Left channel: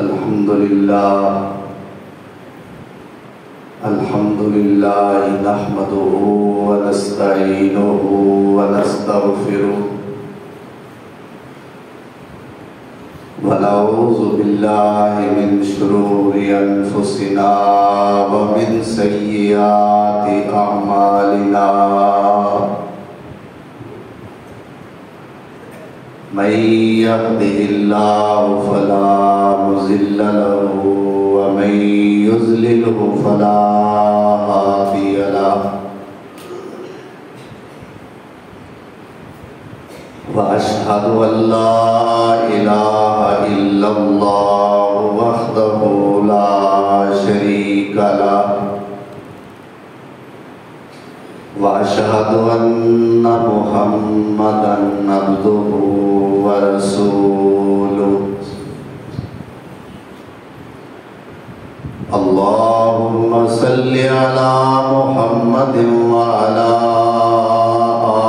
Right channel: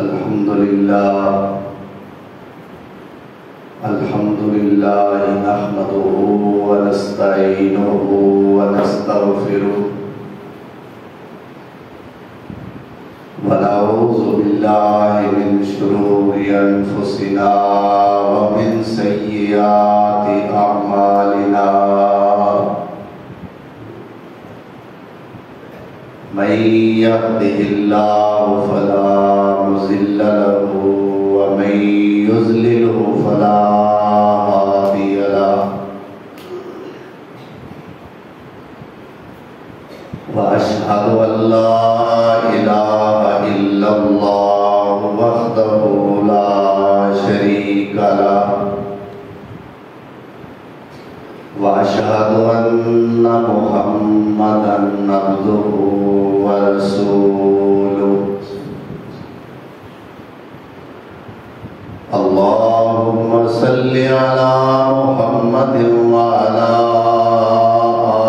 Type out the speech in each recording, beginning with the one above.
الحمد لله نحمده ونستعينه ونستغفره ونعوذ بالله من شرور أنفسنا ومن سيئات أعمالنا من يهده الله فلا مضل له ومن يضلله فلا هادي له وأشهد أن لا إله إلا الله وحده لا شريك له وأشهد أن محمدًا عبده ورسوله اللهم صل على محمد وعلى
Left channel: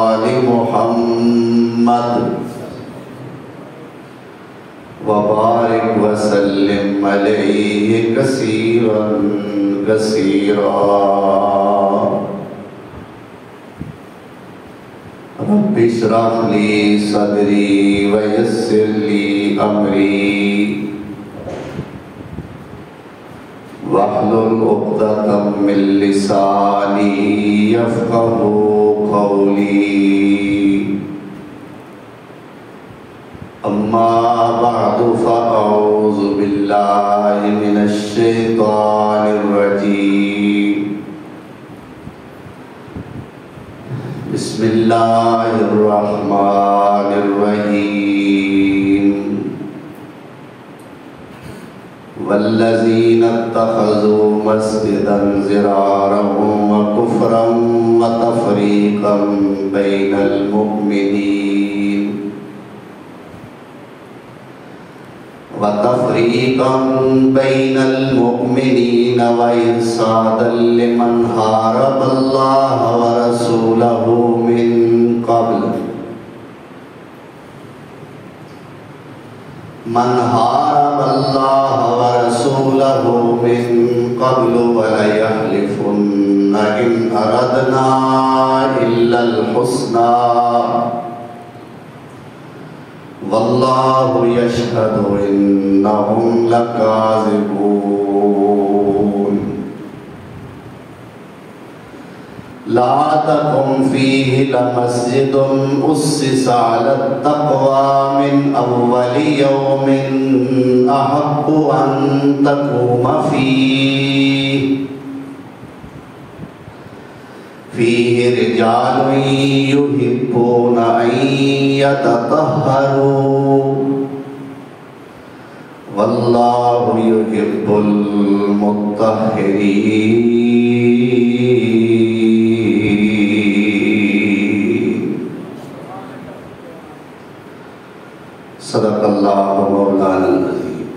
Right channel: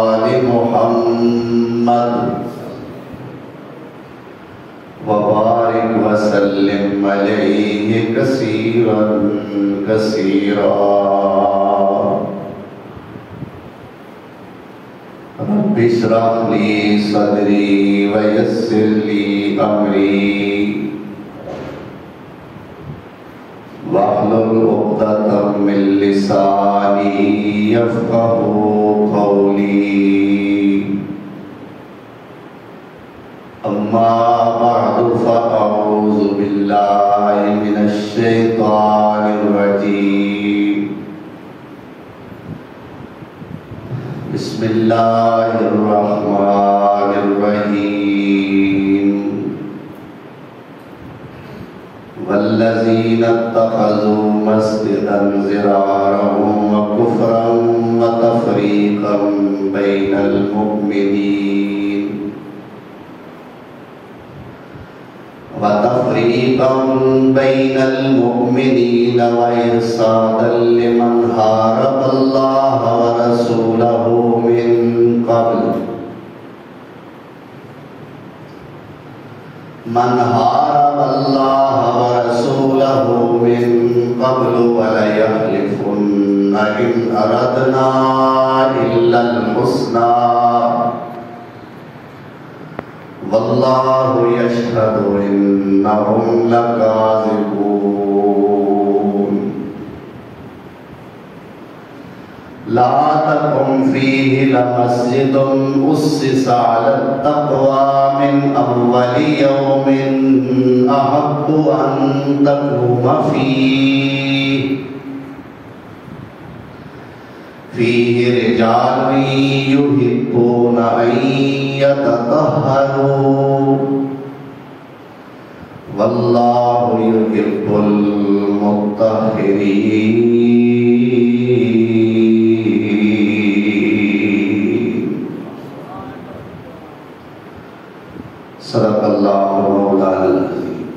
آل محمد وبارك وسلم عليه كثيرا كثيرا رب اشرح لي صدري ويسر لي أمري واحلل عقدة من لساني يفقهوا قولي أما بعد فأعوذ بالله من الشيطان الرجيم بسم الله الرحمن الرحيم والذين اتخذوا مسجدا ضرارا وكفرا وتفريقا بين المؤمنين وإرصادا لمن حارب الله ورسوله من قبل وليحلفن إن أردنا إلا الحسنى والله يشهد إنهم لكاذبون لا تقم فيه لمسجد أسس على التقوى من أول يوم أحق أن تقوم فيه رجال يحبون أن يتطهروا والله يحب المطهرين صدق اللہ مولانا العظیم۔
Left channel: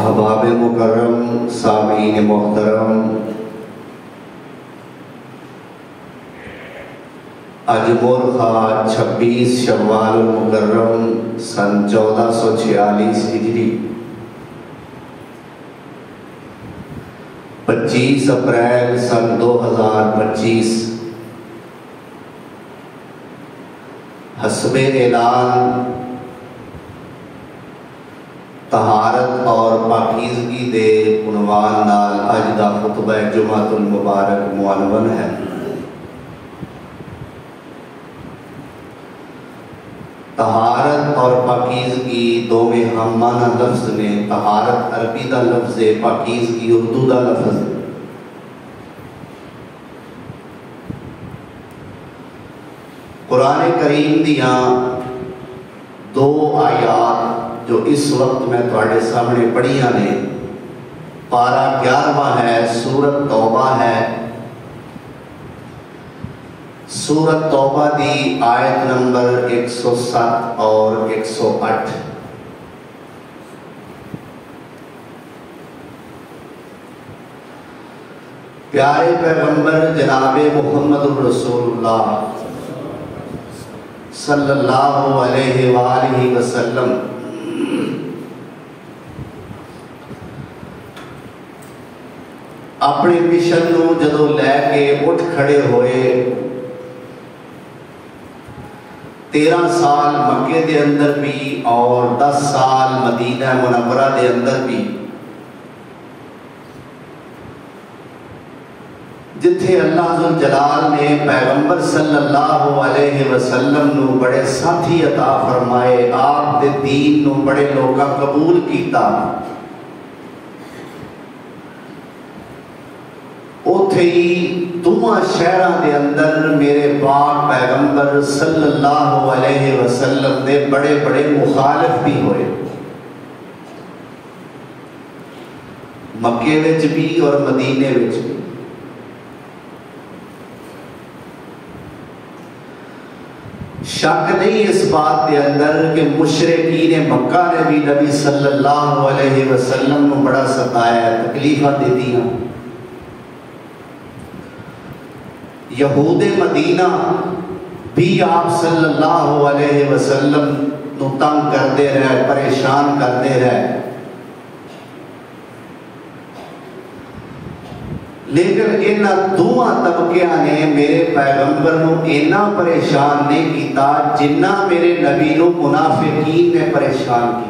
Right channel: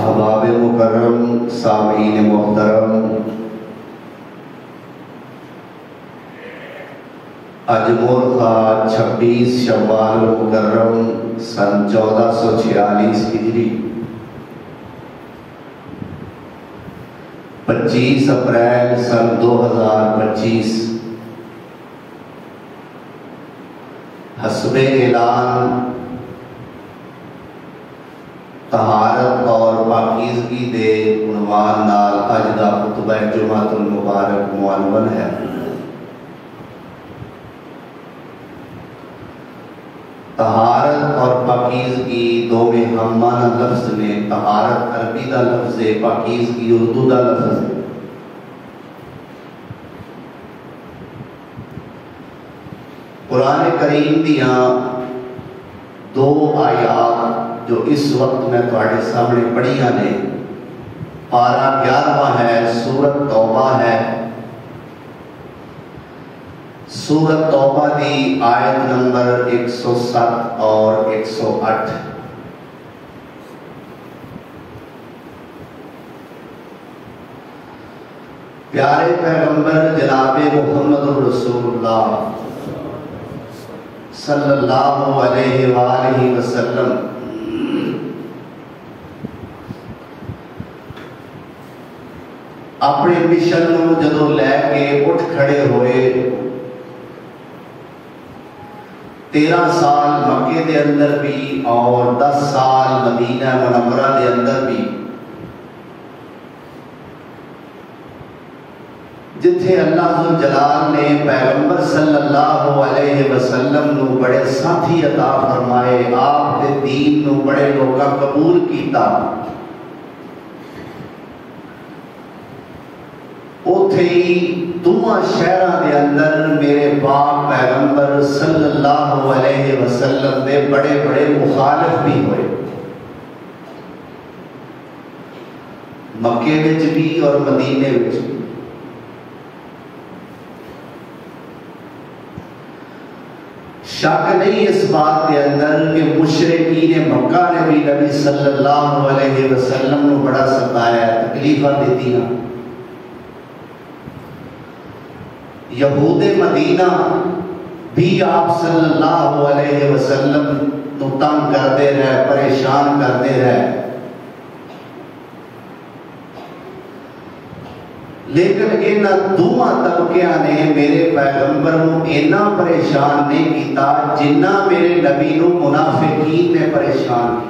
احباب مکرم، سامعین محترم، آج مورخہ 26 شوال المکرم سن 1446 ہجری 25 اپریل سن 2025 حسب اعلان طہارت اور پاکیزگی دے عنوان نال اج دا خطبہ جمعۃ المبارک معنون ہے۔ طہارت اور پاکیزگی دونوں ہم معنی لفظ نے۔ طہارت عربی دا لفظ ہے، پاکیزگی اردو دا لفظ ہے۔ قرآن کریم دیاں 2 آیات جو اس وقت میں تواڈے سامنے پڑھیاں نے، پارہ 11واں ہے، سورۃ توبہ ہے۔ سورۃ توبہ دی آیت نمبر 107 اور 108۔ پیارے پیغمبر جناب محمد رسول اللہ صلی اللہ علیہ وآلہ وسلم اپنے مشن نو جدو لے کے اٹھ کھڑے ہوئے 13 سال مکے دے اندر بھی اور 10 سال مدینہ منورہ دے اندر بھی جتھے اللہ ذوالجلال نے پیغمبر صلی اللہ علیہ وسلم نو بڑے ساتھی عطا فرمائے، آپ دے دین نو بڑے لوگاں قبول کیتا، اوتھے ہی دوواں شہراں دے اندر میرے پاک پیغمبر صلی اللہ علیہ وسلم دے بڑے بڑے مخالف بھی ہوئے، مکے وچ بھی اور مدینے وچ بھی۔ شک نہیں اس بات کے اندر کہ مشرکین مکہ نے بھی نبی صلی اللہ علیہ وسلم کو بڑا ستایا، تکلیفاں دیتی ہیں۔ یہود مدینہ بھی آپ صلی اللہ علیہ وسلم کو تنگ کرتے رہے، پریشان کرتے رہے، لیکن انہاں دوہاں طبقیاں نے میرے پیغمبر نو اینا پریشان نہیں کیتا جنہ میرے نبی نو منافقین نے پریشان کیتا۔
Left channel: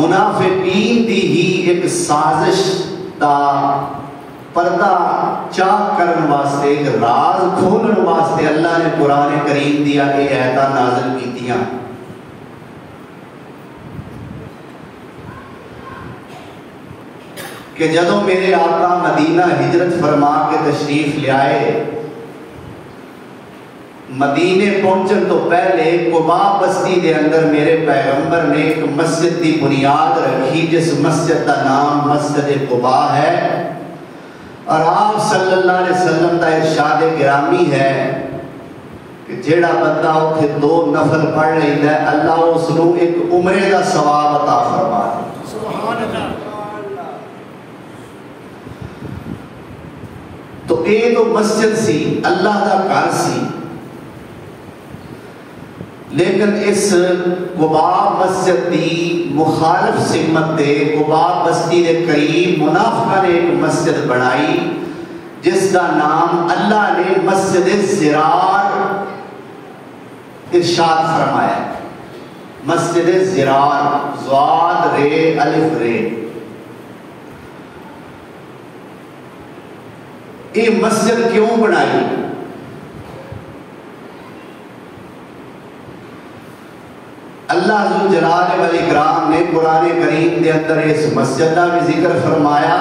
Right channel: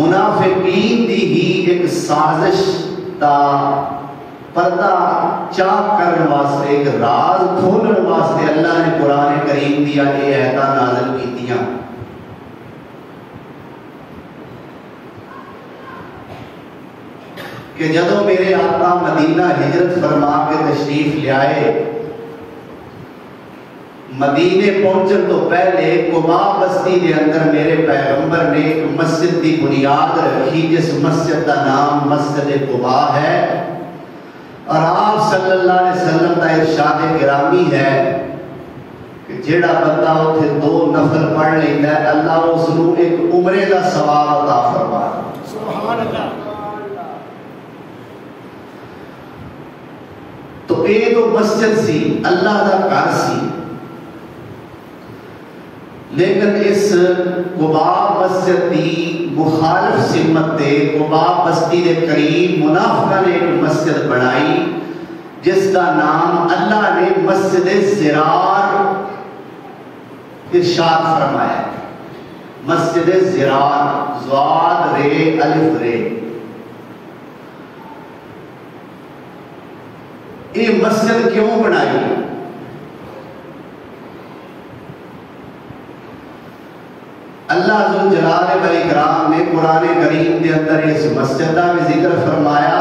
منافقین دی ہی ایک سازش دا پردہ چاک کرن واسطے، ایک راز کھولن واسطے اللہ نے قرآن کریم دیا کہ آیتاں نازل کیتیاں۔ کہ جدو میرے آقا مدینہ ہجرت فرما کے تشریف لے آئے، مدینے پہنچن تو پہلے قباء بستی دے اندر میرے پیغمبر نے ایک مسجد دی بنیاد رکھی جس مسجد کا نام مسجد قباء ہے، اور آپ صلی اللہ علیہ وسلم کا ارشاد گرامی ہے کہ جیڑا بندہ اتھے 2 نفل پڑھ لیتا ہے اللہ اس نو ایک عمرے کا ثواب عطا فرما ہے۔ سبحان اللہ۔ تو یہ تو مسجد سی، اللہ کا گھر سی، لیکن اس قباء مسجد دی مخالف سمت دے قباء بستی دے قریب منافقہ نے ایک مسجد بنائی جس کا نام اللہ نے مسجد زرار ارشاد فرمایا۔ مسجد زرار، زواد رے الف رے۔ یہ مسجد کیوں بنائی؟ اللہ ذوالجلال والاکرام نے قرآن کریم کے اندر اس مسجد کا بھی ذکر فرمایا،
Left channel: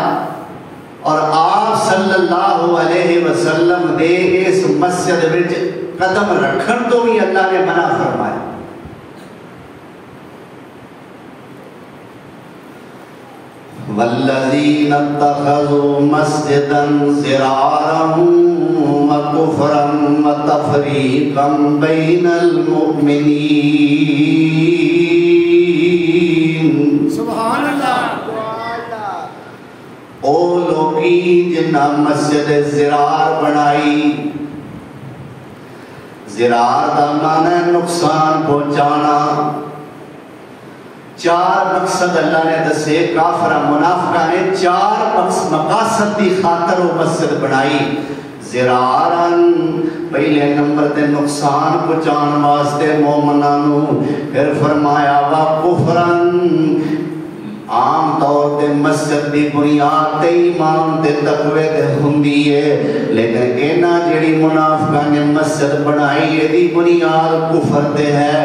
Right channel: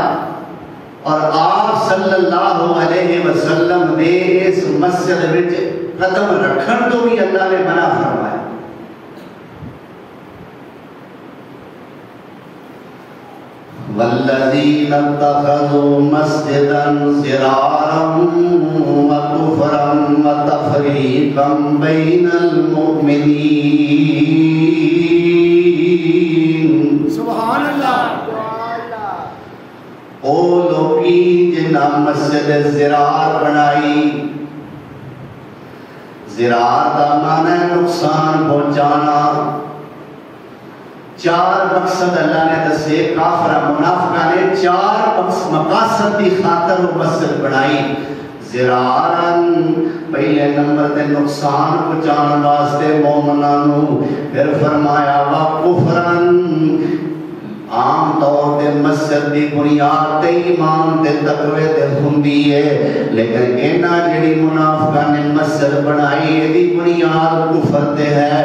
اور آپ صلی اللہ علیہ وسلم نے اس مسجد وچ قدم رکھن تو بھی اللہ نے منع فرمایا۔ والذین اتخذوا مسجدا ضرارا وکفرا وتفریقا بین المؤمنین۔ سبحان اللہ۔ او لوگی جنہاں مسجد زرار بنائی، زرار دا معنی ہے نقصان پہنچانا۔ 4 مقصد اللہ نے دسے، کافر منافقہ نے 4 مقاصد دی خاطر وہ مسجد بنائی۔ زرارن، پہلے نمبر تے نقصان پہنچان واسطے مومناں نو، پھر فرمایا وا کفرن، عام طور تے مسجد دی بنیاد تے ایمان تے تقوی تے ہوندی ہے، لیکن اینا جڑی منافقہ نے مسجد بنائی ہے دی بنیاد کفر تے ہے۔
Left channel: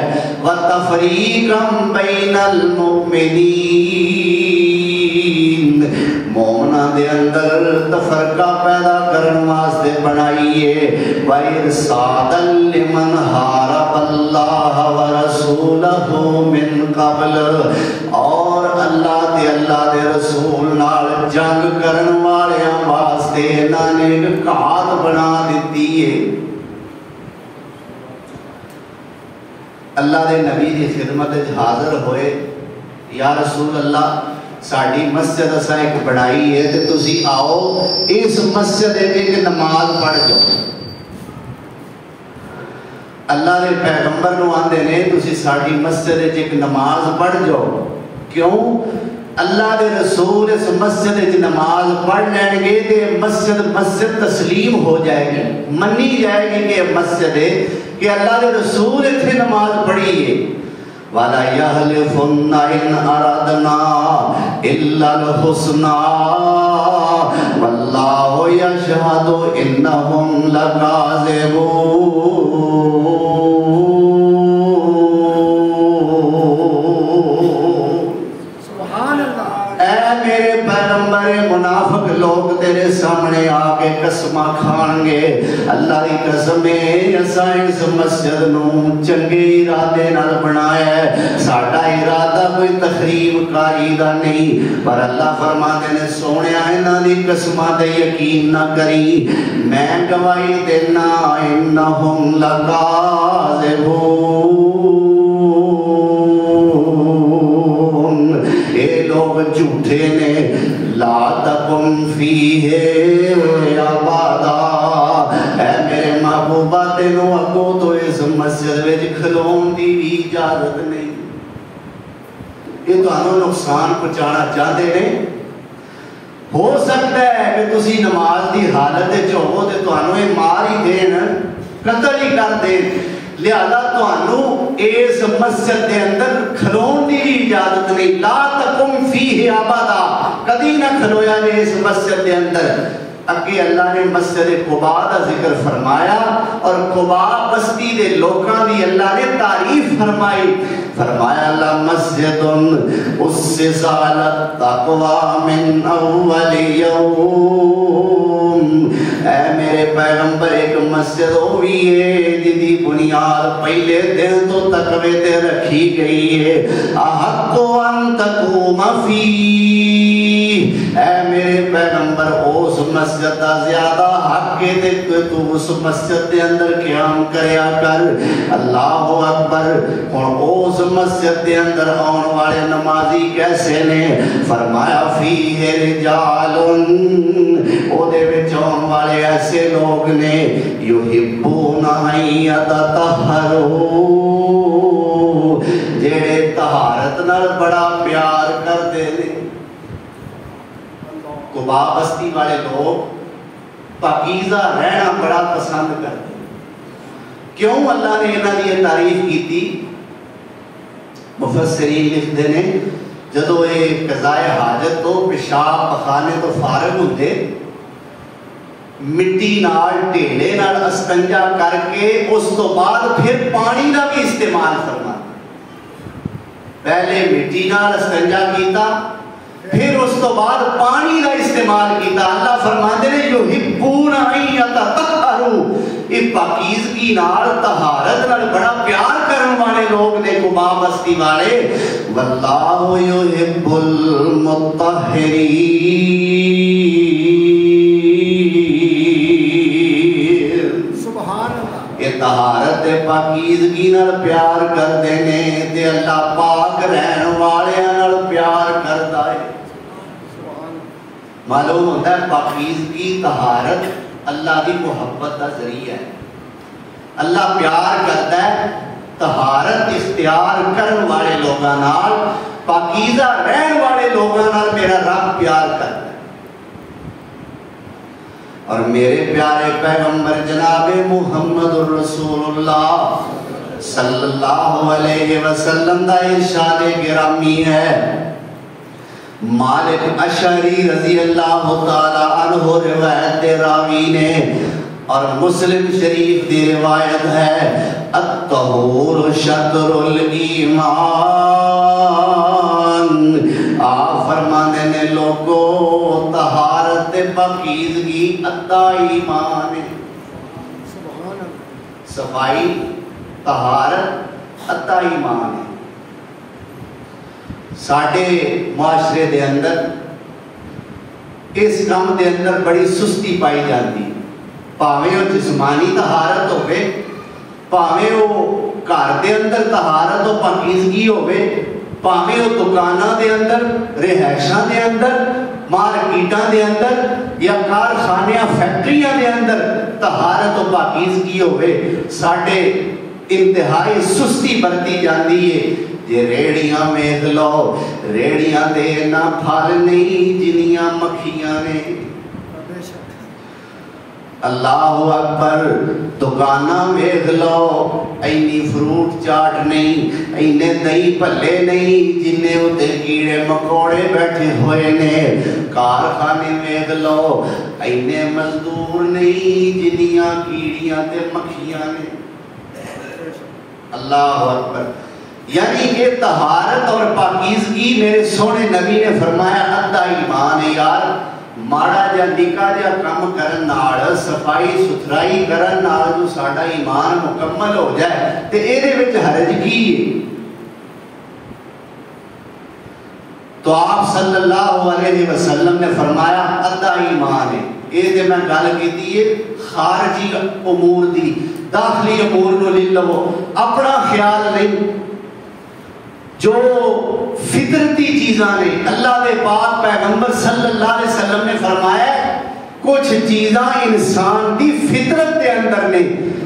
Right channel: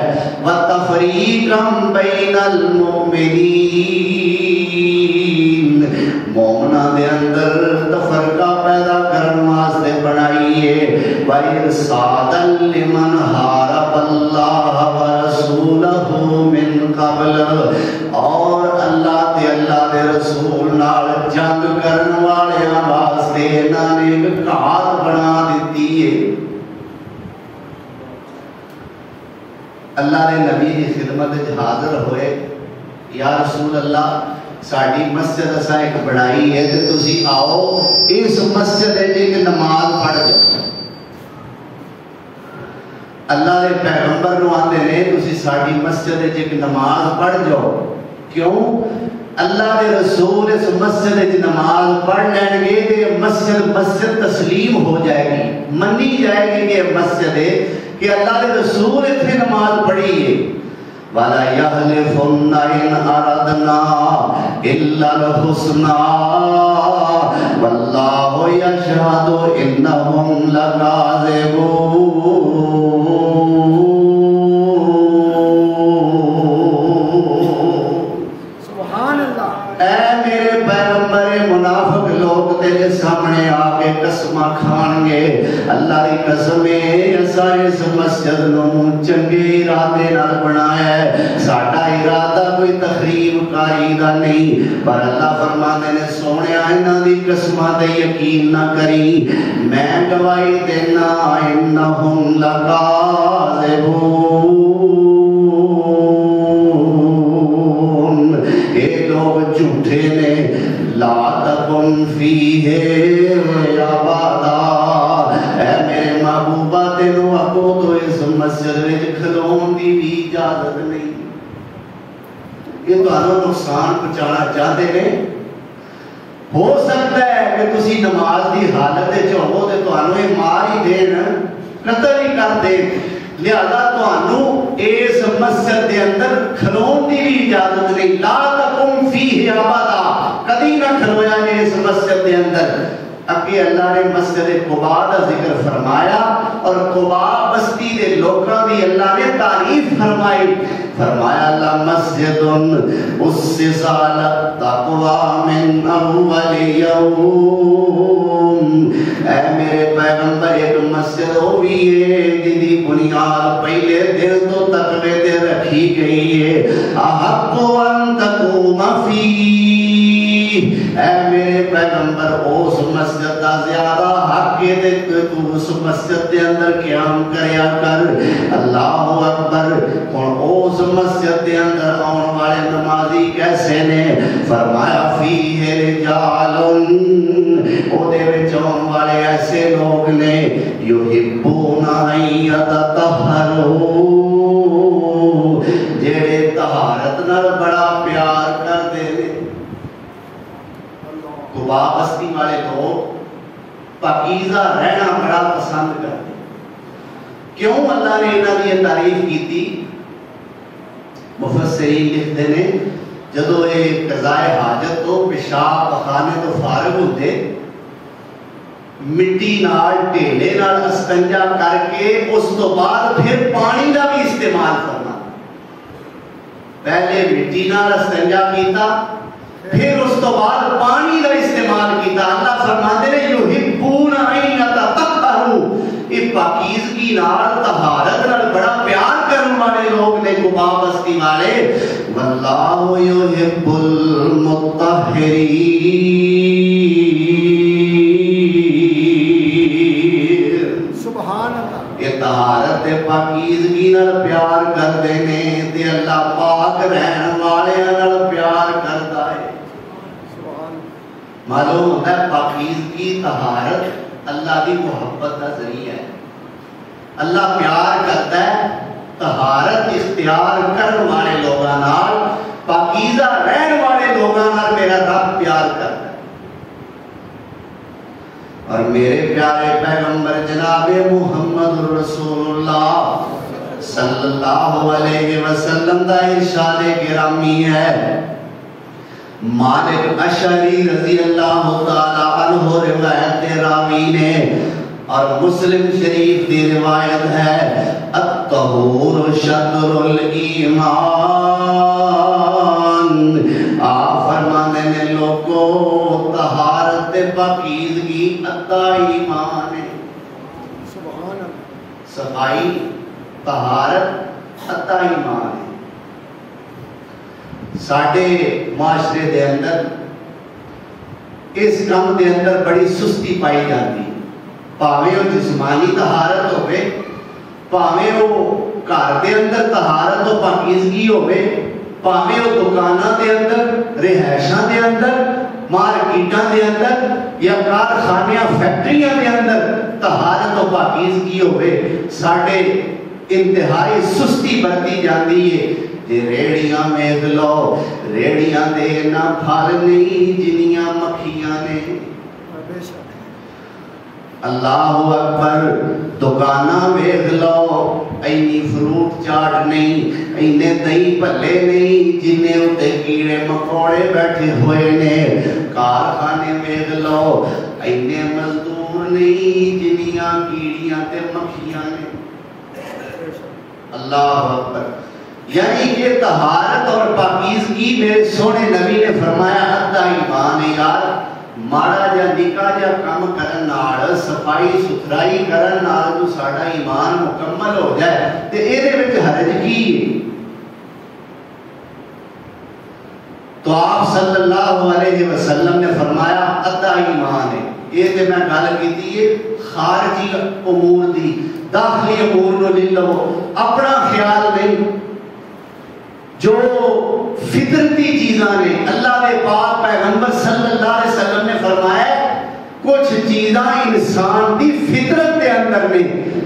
وَتَفْرِيقًا بَيْنَ الْمُؤْمِنِينَ، مومنہ دے اندر تفرقہ پیدا کرن واسطے بنائی ہے۔ وَإِرْصَادًا لِمَنْ حَارَبَ اللَّهَ وَرَسُولَهُ مِنْ قَبْلُ، اور اللہ دے رسول نال جنگ کرن والیاں واسطے انہاں نے ایک کھاد بنا دیتی ہے۔ اللہ دے نبی دی خدمت حاضر ہوئے، یا رسول اللہ ساڑی مسجد اسا ایک بنائی ہے تے تسی آؤ اس مسجد ایک نماز پڑھ جاؤ. اللہ نے پیغمبر نو آندے نے تسی ساڑی مسجد ایک نماز پڑھ جاؤ. کیوں؟ اللہ دے رسول اس مسجد ایک نماز پڑھ لین گے تے مسجد تسلیم ہو جائے گی, منی جائے گی کہ مسجد ہے کہ اللہ دے رسول اتنے نماز پڑھی ہے. وَلَا يَحْلِفُنَّ إِنْ أَرَدْنَا إِلَّا الْحُسْنَى وَاللَّهُ يَشْهَدُ إِنَّهُمْ لَكَاذِبُونَ. تیرے سامنے آگے قسمہ کھان گے, اللہ کی قسم ہے اسا اس مسجد نو چنگے ارادے نال بنایا ہے, ساڈا ارادہ کوئی تخریب کاری دا نہیں. پر اللہ فرماتے نے سونیا انہاں دی قسماں تے یقین نہ کری, میں گواہی دینا انہم لکاذبون. اے لوگ جھوٹے نے. لا تکن فیہ ابدا, اے میرے محبوبہ تینوں اگوں تو اس مسجد وچ کھلون دی بھی اجازت نہیں. یہ تانوں نقصان پہنچانا چاہتے ہیں. ہو سکتا ہے کہ تسی نماز دی حالت وچ ہو تے تانوں یہ مار ہی دین, قتل ہی کر دین, لہذا تانوں اس مسجد دے اندر کھلون دی بھی اجازت نہیں. لا تکن فیہ ابدا, کدی نہ کھلویا میں اس مسجد دے اندر. اگے اللہ نے مسجد قباء کا ذکر فرمایا اور قباء بستی دے لوکاں دی اللہ نے تعریف فرمائی. فرمایا لمسجد اسس علی التقوی من اول یوم, اے میرے پیغمبر ایک مسجد ہوئی ہے جن دی بنیاد پہلے دن تو تقوی تے رکھی گئی ہے. احق ان تقوم فیہ, اے میرے پیغمبر اس مسجد دا زیادہ حق ہے کہ تو اس مسجد دے اندر قیام کریا کر. اللہ اکبر. اور اس مسجد دے اندر آن والے نمازی کیسے نے؟ فرمایا فیہ رجال, او دے وچ آن والے ایسے لوگ نے یحبون ان یتطہروا, جڑے طہارت نال بڑا پیار کردے نے. قباء بستی والے لوگ پاکیزہ رہنا بڑا پسند کرتے. کیوں اللہ نے انہاں دی تعریف کیتی؟ مفسرین لکھتے نے جدو یہ قضائے حاجت تو پیشاب پخانے تو فارغ ہوتے, مٹی نال ٹیلے نال استنجا کر کے اس تو بعد پھر پانی کا بھی استعمال کرنا. پہلے مٹی نال استنجا کیتا, پھر اس تو بعد پانی کا استعمال کیتا. اللہ فرماتے ہیں یحبون ان یتطہروا, یہ پاکیزگی نال طہارت نال بڑا پیار کرنے والے لوگ نے قباء بستی والے. واللہ یحب المطہرین, سبحان اللہ. یہ طہارت تے پاکیزگی نال پیار کردے نے تے اللہ پاک رہن والے نال پیار کردا ہے. معلوم ہوتا ہے پاکیزگی طہارت اللہ دی محبت کا ذریعہ ہے. اللہ پیار کرتا ہے طہارت اختیار کرن والے لوگاں نال, پاکیزہ رہن والے لوگاں نال میرا رب پیار کرتا ہے. اور میرے پیارے پیغمبر جناب محمد رسول اللہ صلی اللہ علیہ وسلم دا ارشاد گرامی ہے. مالک اشعری رضی اللہ تعالی عنہ روایت راوی نے, اور مسلم شریف کی روایت ہے الطہور شطر الایمان. آپ فرمانے نے لوگوں طہارت پاکیزگی ادھا ایمان ہے. صفائی طہارت ادھا ایمان ہے. ساڑھے معاشرے دے اندر اس کام دے اندر بڑی سستی پائی جاتی ہے. پاویں وہ جسمانی طہارت ہوئے, پاویں وہ گھر دے اندر طہارت و پاکیزگی ہوئے, ਭਾਵੇਂ ਉਹ ਦੁਕਾਨਾਂ ਦੇ ਅੰਦਰ, ਰਿਹਾਇਸ਼ਾਂ ਦੇ ਅੰਦਰ, ਮਾਰਕੀਟਾਂ ਦੇ ਅੰਦਰ ਜਾਂ ਕਾਰਖਾਨਿਆਂ ਫੈਕਟਰੀਆਂ ਦੇ ਅੰਦਰ ਤਹਾਰਤ ਤੋਂ ਪਾਕੀਜ਼ਗੀ ਹੋਵੇ, ਸਾਡੇ ਇੰਤਹਾਈ ਸੁਸਤੀ ਵਰਤੀ ਜਾਂਦੀ ਹੈ। ਜੇ ਰੇੜੀਆਂ ਵੇਖ ਲਓ, ਰੇੜੀਆਂ ਦੇ ਨਾ ਫਲ ਨਹੀਂ ਜਿੰਨੀਆਂ ਮੱਖੀਆਂ ਨੇ। اللہ اکبر، دکانہ ویکھ لو، اینی فروٹ چاٹ نہیں، اینے دہی بھلے نہیں جنہیں اتے کیڑے مکوڑے بیٹھے ہوئے نے۔ کارخانے ویکھ لو، اینے مزدور نہیں جنیاں کیڑیاں تے مکھیاں نے۔ اللہ اکبر، یعنی کہ طہارت اور پاکیزگی میرے سونے نبی نے فرمایا ادھا ایمان ہے یار۔ ماڑا جا نکا جا کام کرن نال، صفائی ستھرائی کرن نال جو ساڑا ایمان مکمل ہو جائے تے ایرے وچ حرج کی ہے؟ تو آپ صلی اللہ علیہ وسلم نے فرمایا ادھا ایمان ہے۔ یہ تے میں گل کیتی ہے خارجی امور دی، داخلی امور نو لے لو، اپنا خیال نہیں۔ جو فطرتی چیزاں نے، اللہ دے پاک پیغمبر صلی اللہ علیہ وسلم نے فرمایا کچھ چیزاں انسان دی فطرت دے اندر نے،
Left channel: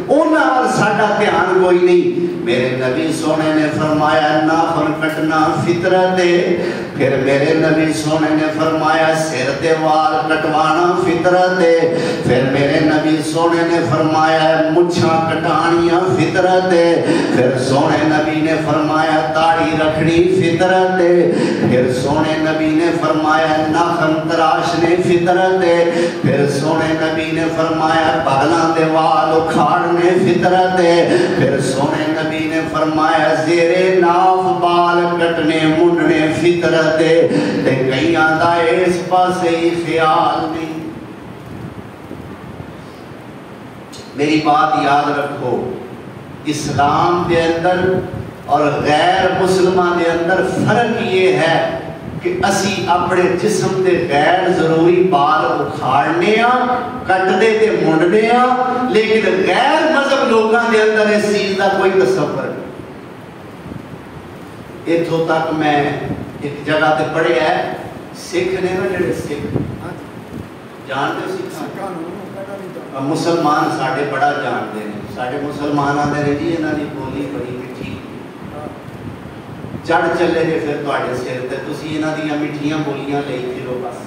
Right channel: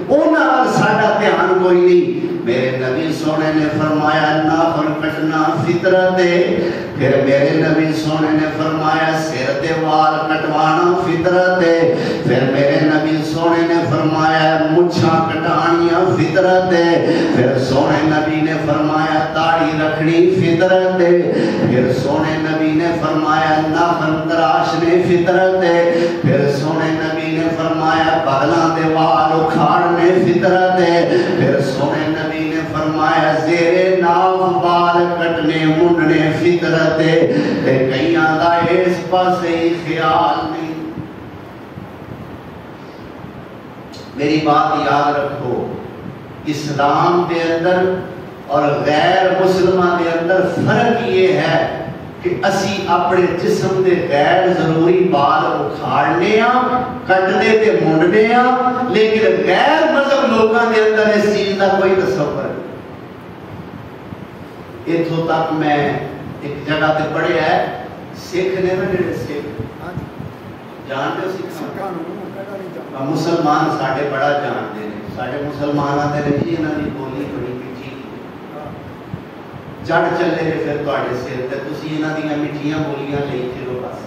انہاں ساڈا دھیان کوئی نہیں۔ میرے نبی سونے نے فرمایا ناخن کٹنا فطرت ہے، پھر میرے نبی سونے نے فرمایا سر دے وال کٹوانا فطرت ہے، پھر میرے نبی سونے نے فرمایا مچھاں کٹانیاں فطرت ہے، پھر سونے نبی نے فرمایا داڑھی رکھنی فطرت ہے، پھر سونے نبی نے فرمایا ناخن تراشنے فطرت ہے، پھر سونے نبی نے فرمایا بغلاں دے وال اکھاڑنے فطرت ہے، پھر سونے نبی نے فرمایا زیر ناف بال کٹنے منڈنے فطرت ہے۔ تے کئیاں دا اس پاسے ہی خیال نہیں۔ میری بات یاد رکھو، اسلام دے اندر اور غیر مسلمان دے اندر فرق یہ ہے کہ اسی اپنے جسم دے غیر ضروری بال اکھاڑنے ہاں، کٹنے تے منڈنے ہاں، لیکن غیر مذہب لوگاں دے اندر اس چیز کا کوئی تصور نہیں۔ اتھوں تک میں ایک جگہ تے پڑھیا ہے، سکھ نے نا جڑے سکھ جانتے ہو سکھاں، مسلمان ساڈے بڑا جانتے ہیں، ساڈے مسلمان آتے ہیں جی انہاں دی بولی بڑی میٹھی چڑھ چلے نے پھر تواڈے سر تے تسی انہاں دیاں میٹھیاں بولیاں لئی پھرو بس۔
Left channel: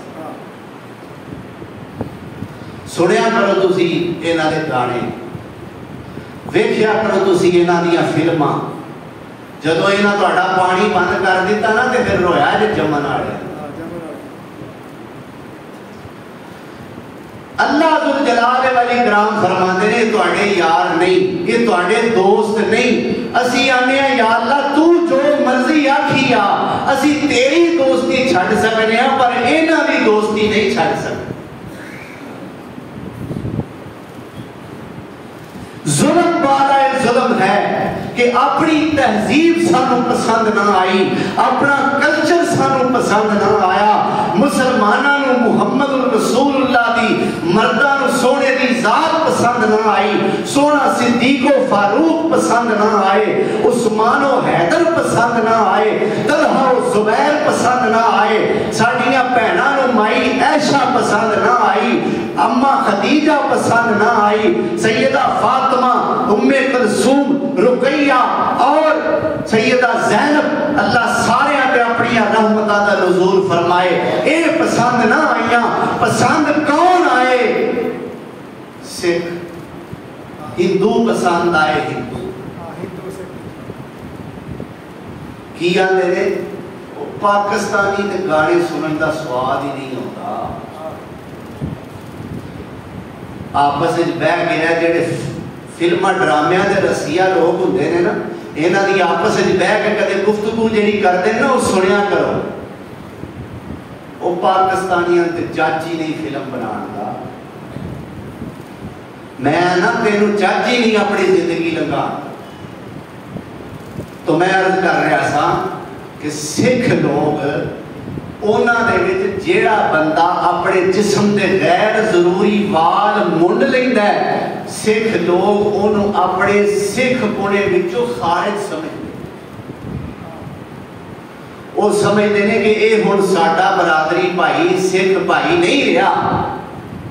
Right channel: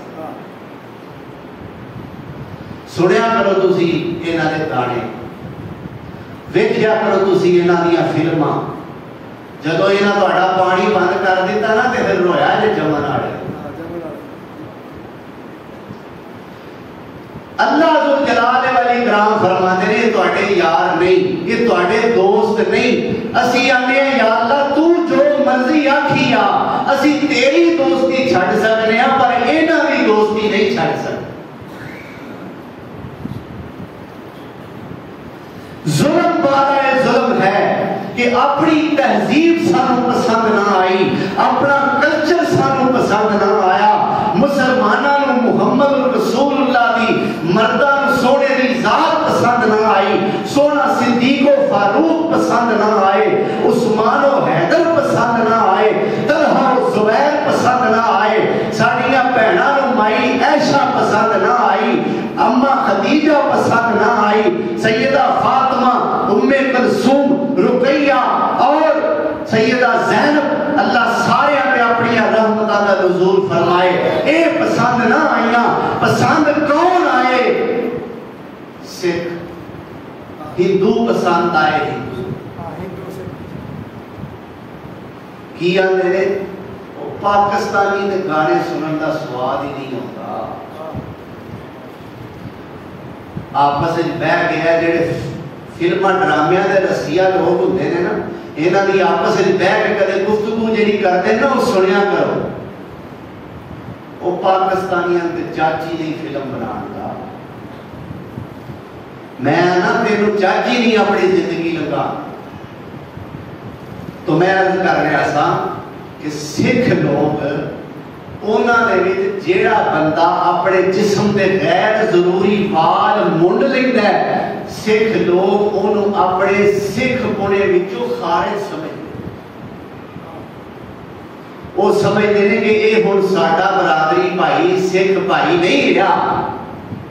سنیا کرو تسی انہاں دے گانے، ویکھیا کرو تسی انہاں دیاں فلماں، جدو انہاں تواڈا پانی بند کر دیتا نا تے پھر رویا جے جمن والے۔ اللہ ذوالجلال والاکرام فرماتے ہیں یہ تواڈے یار نہیں، یہ تواڈے دوست نہیں۔ اسی آنے ہیں یا اللہ تو جو مرضی آکھی آ، اسی تیری دوستی چھڑ سکنے ہیں پر انہاں دی دوستی نہیں چھڑ سکتے۔ ظلم والا ظلم ہے کہ اپنی تہذیب سانو پسند نہ آئی، اپنا کلچر سانو پسند نہ آیا، مسلمانوں محمد رسول اللہ دی مرداں سونے دی ذات پسند نہ آئی، سونا صدیق و فاروق پسند نہ آئے، عثمان و حیدر پسند نہ آئے، طلحہ و زبیر پسند نہ آئے، ساڈیاں بہناں نوں مائی عائشہ پسند نہ آئی، اما خدیجہ پسند نہ آئی، سیدہ فاطمہ، ام کلثوم، رقیہ اور سیدہ زینب، اللہ سارے آتے اپنی رحمتہ دا نزول فرمائے، اے پسند نہ آئیاں۔ پسند کون آئے؟ سکھ۔ ہندو پسند آئے، ہندو کیا میرے پاکستانی نے گانے سنن دا سواد ہی نہیں ہوتا۔ آپس بہ گیا جڑے فلماں ڈرامیاں دے رسیہ لوگ ہوندے نے نا، انہاں دی آپس بہ کے کدے گفتگو جڑی کردے نا وہ سنیا کرو۔ وہ پاکستانیاں تے چاچی نہیں فلم بنان دا، میں نا تینوں چاچی نہیں اپنی زندگی لگا۔ تو میں عرض کر رہا سا کہ سکھ لوگ انہاں دے وچ جیڑا بندہ اپنے جسم دے غیر ضروری وال منڈ لیندا ہے، سکھ لوگ انہوں اپنے سکھ پونے وچوں خارج سمجھتے۔ وہ سمجھتے ہیں کہ یہ ہن ساڈا برادری بھائی سکھ بھائی نہیں رہا،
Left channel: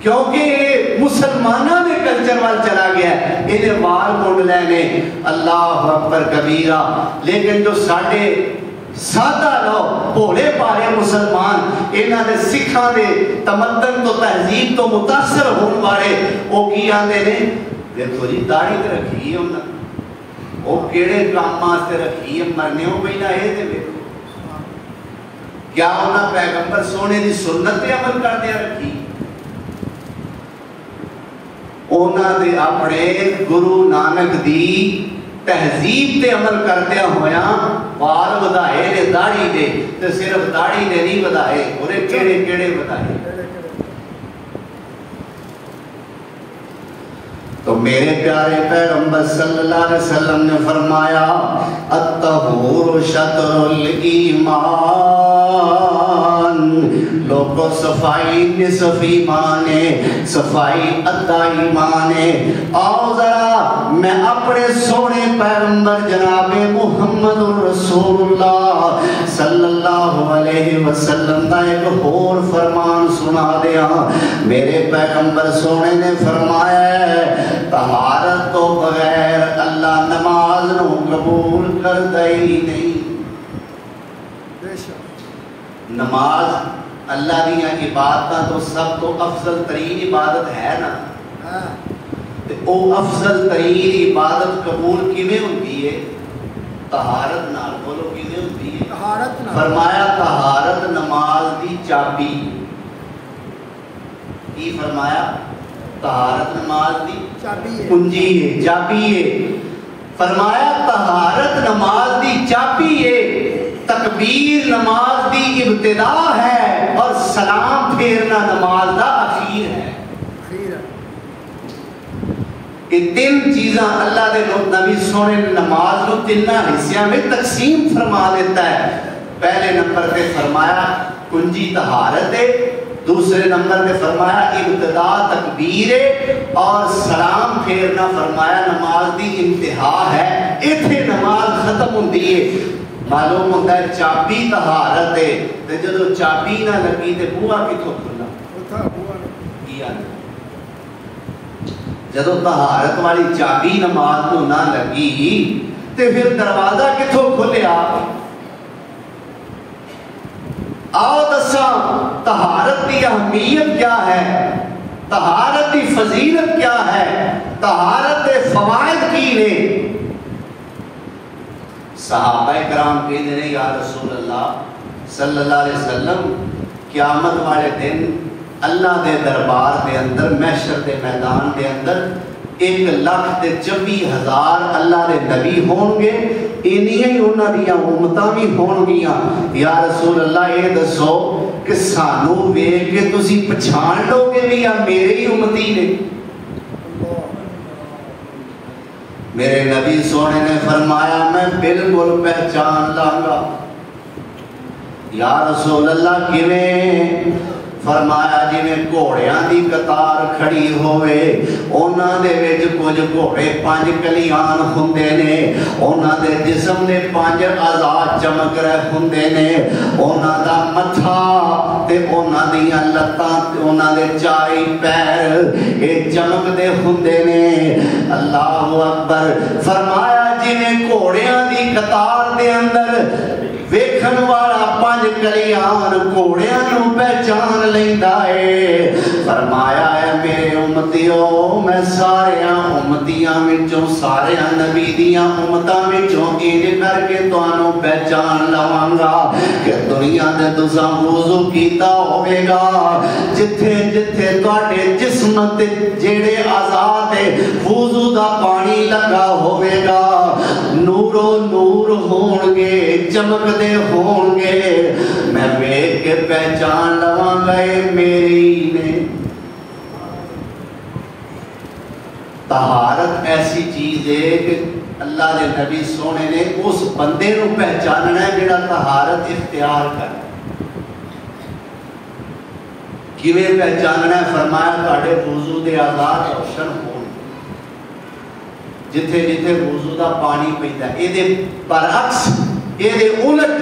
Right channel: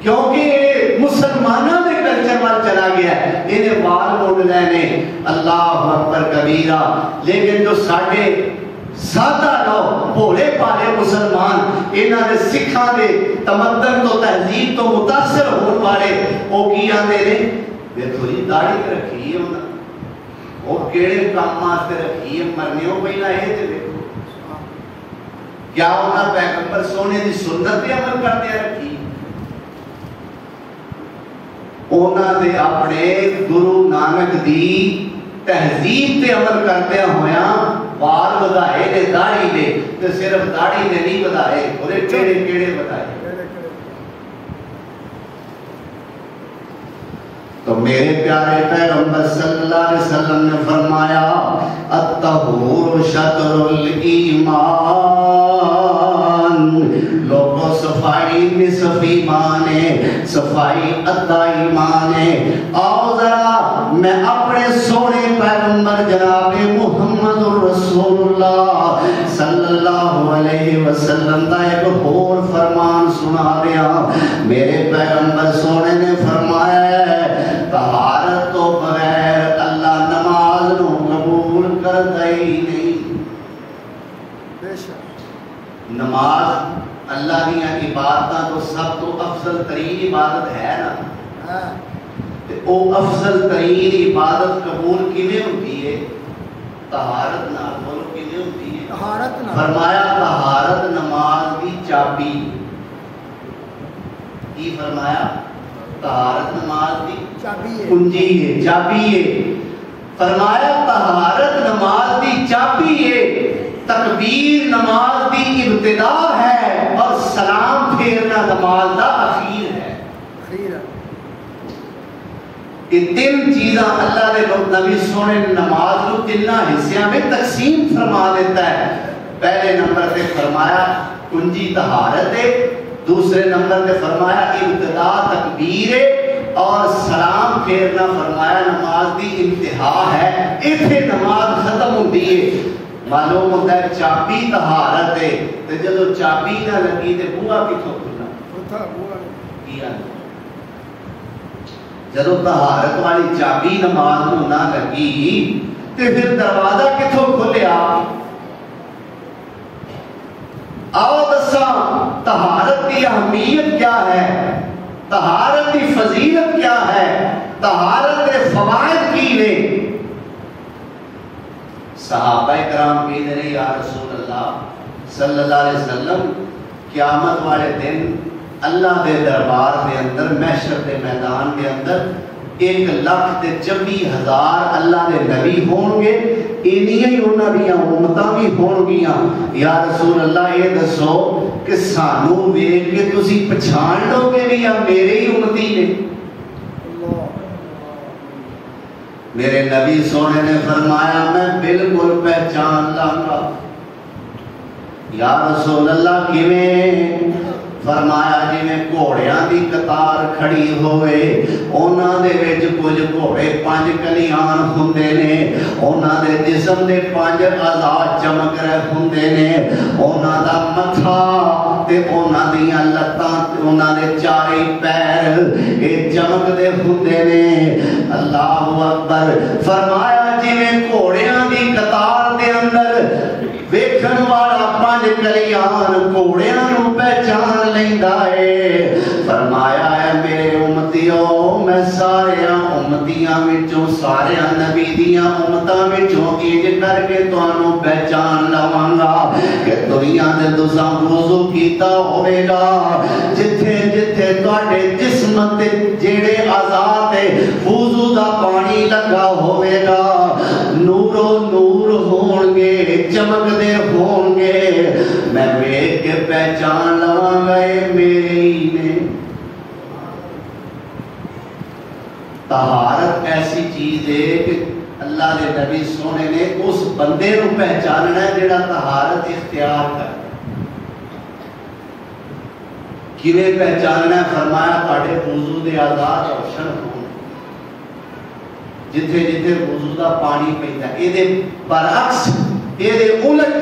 کیونکہ یہ مسلمانوں کے کلچر وال چلا گیا ہے، یہ وال مونڈ لینے اللہ اکبر کبیرہ۔ لیکن جو ساڈے سادہ لوگ بھولے پالے مسلمان انہاں دے سکھاں دے تمدن تو تہذیب تو متاثر ہون والے وہ کی آندے نے دیکھو جی داڑھی تے رکھی ہے انہاں، وہ کیڑے کام واسطے رکھی ہے، مرنے ہو پہلا یہ تے دیکھو کیا انہاں پیغمبر سونے دی سنت تے عمل کردے رکھی، انہاں دے اپنے گرو نانک دی تہذیب تے عمل کردے ہویا وال ودائے نے داڑھی دے تے صرف داڑھی دے نہیں ودائے، انہیں کیڑے کیڑے ودائے۔ تو میرے پیارے پیغمبر صلی اللہ علیہ وسلم نے فرمایا الطہور شطر الایمان، لوگوں صفائی نصف ایمان ہے، صفائی ادھا ایمان ہے۔ آؤ ذرا میں اپنے سونے پیغمبر جناب محمد رسول اللہ صلی اللہ علیہ وسلم دا ایک اور فرمان سنا دیا۔ میرے پیغمبر سونے نے فرمایا طہارت تو بغیر اللہ نماز نو قبول کر دئی نہیں۔ نماز اللہ دیا عبادتاں تو سب تو افضل ترین عبادت ہے نا، او افضل ترین عبادت قبول کیویں ہوندی ہے؟ طہارت نال، بولو کیویں ہوندی ہے؟ طہارت نال۔ فرمایا طہارت نماز دی چابی، کی فرمایا؟ طہارت نماز دی کنجی ہے، چابی ہے۔ فرمایا طہارت نماز دی چابی ہے، تکبیر نماز دی ابتدا ہے اور سلام پھیرنا نماز دا اخیر ہے۔ یہ تین چیزاں اللہ دے نبی سونے نماز کو تینہ حصیاں میں تقسیم فرما دیتا ہے۔ پہلے نمبر پہ فرمایا کنجی طہارت ہے، دوسرے نمبر پہ فرمایا ابتدا تکبیر ہے، اور سلام پھیرنا فرمایا نماز دی انتہا ہے، اتنے نماز ختم ہوتی ہے۔ معلوم ہوتا ہے چابی طہارت ہے، تے جدو چابی نہ لگی تے بوہا کتھوں کھلا؟ کیا جدو طہارت والی چابی نماز کو نہ لگی تے پھر دروازہ کتھوں کھلیا؟ آؤ دساں طہارت کی اہمیت کیا ہے، طہارت کی فضیلت کیا ہے، طہارت کے فوائد کی نے؟ صحابہ کرام کہتے ہیں یا رسول اللہ صلی اللہ علیہ وسلم قیامت والے دن اللہ دے دربار دے اندر محشر دے میدان دے اندر 1,24,000 اللہ دے نبی ہون گے، انہی انہاں دیاں امتاں بھی ہون گیاں۔ یا رسول اللہ یہ دسو کہ سانو ویکھ کے تسی پہچان لو گے بھی یا میرے ہی امتی نے؟ میرے نبی سونے نے فرمایا میں بالکل پہچان لاؤں گا۔ یا رسول اللہ کیویں؟ فرمایا جی میں گھوڑیاں دی قطار کھڑی ہوئے، انہاں دے وچ کچھ گھوڑے 5 کلیان ہوندے نے، انہاں دے جسم دے 5 اعضاء چمک رہے ہوندے نے، انہاں دا متھا تے انہاں دیاں لتاں تے انہاں دے 4 پیر اے چمک دے ہوندے نے۔ اللہ اکبر۔ فرمایا جی میں گھوڑیاں دی قطار دے اندر ویکھن والا 5 کلیان گھوڑیاں نوں پہچان لیندا ہے۔ فرمایا ہے میرے امتیوں میں سارے امتیاں وچوں سارے نبی دیاں امتاں وچوں انج کر کے تانوں پہچان لواں گا کہ دنیا دے تساں وضو کیتا ہوے گا، جتھے جتھے تواڈے جسم تے جڑے اعضاء تے وضو دا پانی لگا ہوے گا نورو نور ہون گے، چمک دے ہون گے، میں ویکھ کے پہچان لواں گا میرے ہی نے۔ طہارت ایسی چیز ہے کہ اللہ نے نبی سونے نے اس بندے کو پہچاننا ہے جڑا طہارت اختیار کر۔ کیویں پہچاننا ہے؟ فرمایا تہاڈے وضو دے اعضاء روشن ہون، جتھے جتھے وضو دا پانی پیندا، اے دے برعکس اے دے الٹ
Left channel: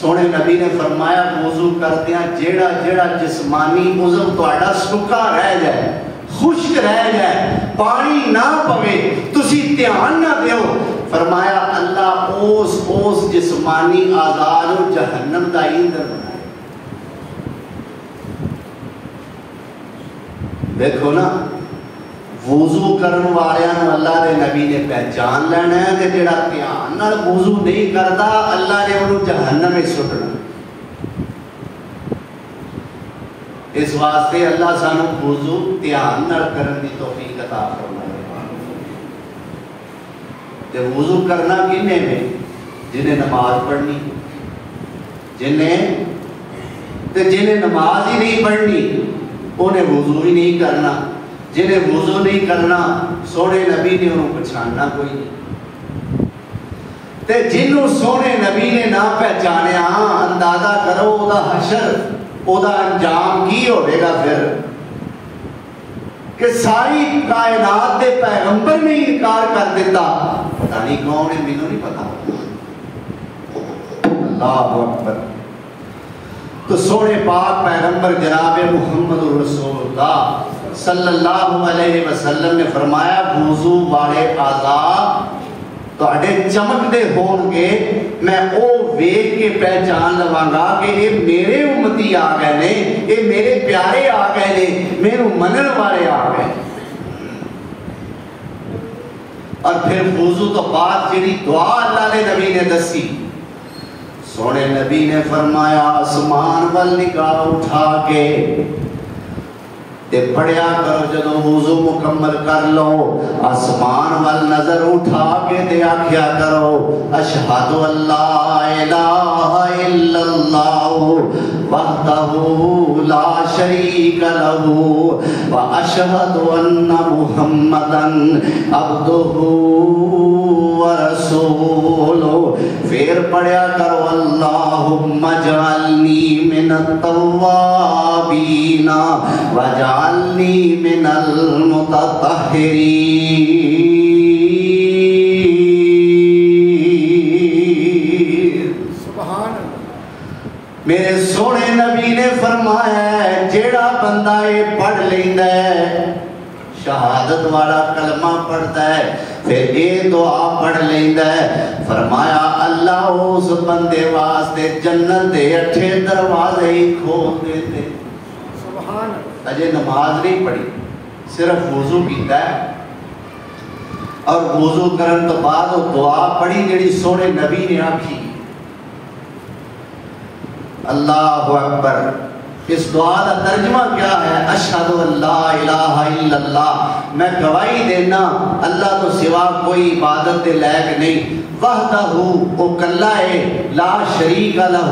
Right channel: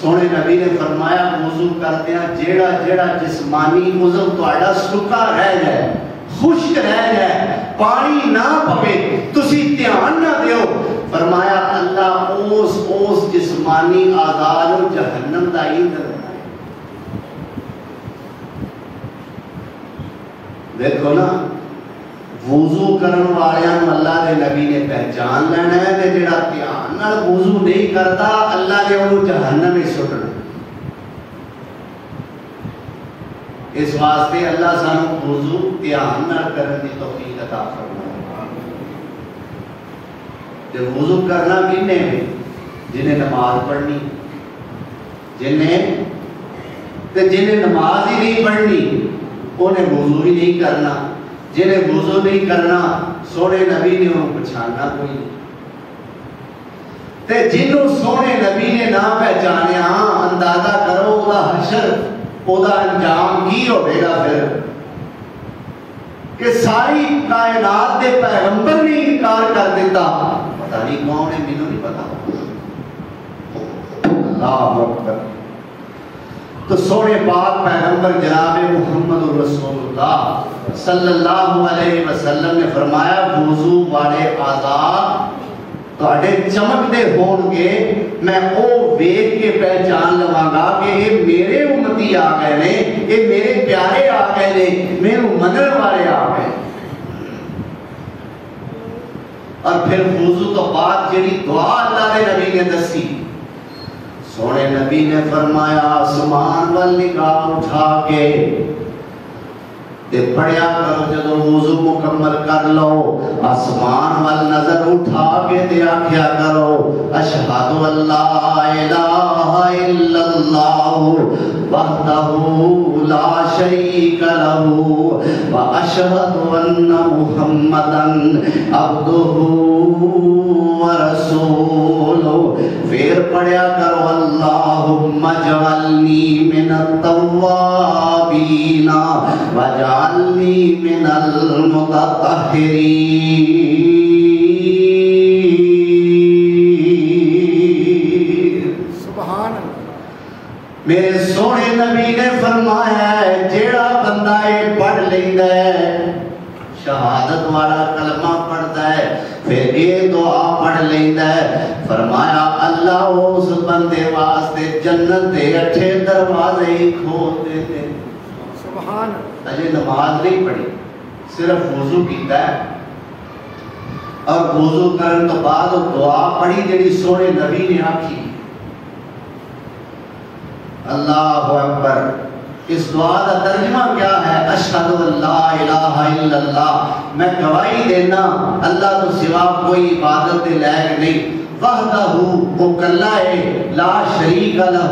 سونے نبی نے فرمایا وضو کردیا جیڑا جیڑا جسمانی عضو تہاڈا سکا رہ جائے خشک رہ جائے پانی نہ پوے تسی دھیان نہ دیو فرمایا اللہ اس جسمانی آزاد و جہنم دا ایندھن بنائے. دیکھو نا وضو کرن والیاں اللہ دے نبی نے پہچان لینا ہے کہ جڑا دھیان نال وضو نہیں کردا اللہ نے انہوں جہنم میں سٹنا. اس واسطے اللہ سانو وضو دھیان نال کرن دی توفیق عطا فرمائے. تے وضو کرنا کنے میں جنہیں نماز پڑھنی جنہیں نماز ہی نہیں پڑھنی انہیں وضو ہی نہیں کرنا. جنہیں وضو نہیں کرنا سونے نبی نے انہوں پہچاننا کوئی نہیں. تے جنہوں سونے نبی نے نہ پہچانے اندازہ کرو او دا حشر او دا انجام کی ہوئے گا پھر کہ ساری کائنات دے پیغمبر نے انکار کر دیتا. پتہ نہیں کون ہے مینوں نہیں پتا. اللہ اکبر. تو سونے پاک پیغمبر جناب محمد رسول اللہ صلی اللہ علیہ وسلم نے فرمایا وضو والے آزاد تو اڈے چمک دے ہون گے میں او ویک کے پہچان لواں گا کہ یہ میرے امتی آ گئے نے یہ میرے پیارے آ گئے نے میرے منن والے آ گئے. اور پھر وضو تو بعد جڑی دعا اللہ نے نبی نے دسی سونے نبی نے فرمایا آسمان وال نگاہ اٹھا کے تے پڑھیا کرو جدو وضو مکمل کر لو آسمان وال نظر اٹھا کے تے آکھیا کرو اشہد اللہ الہ الا اللہ وحدہ لا شریک لہ واشہد ان محمدا عبدہ ورسولہ. پھر پڑھیا کرو اللہم اجعلنی من التوابین وجعلنی من المتطہرین. سبحان اللہ. میرے سونے نبی نے فرمایا ہے جیڑا بندہ یہ پڑھ لیندہ ہے شہادت والا کلمہ پڑھتا ہے پھر یہ دعا پڑھ لیندہ ہے فرمایا اللہ اس بندے واسطے جنت دے 8 دروازے ہی کھول دیتے. سبحان. اجے نماز نہیں پڑھی صرف وضو کیتا ہے اور وضو کرن تو بعد وہ دعا پڑھی جڑی سونے نبی نے آکھی. اللہ اکبر. اس دعا کا ترجمہ کیا ہے؟ اشہد اللہ الہ الا اللہ میں گواہی دینا اللہ تو سوا کوئی عبادت دے لائق نہیں وحدہ وہ کلا ہے لا شریک لہ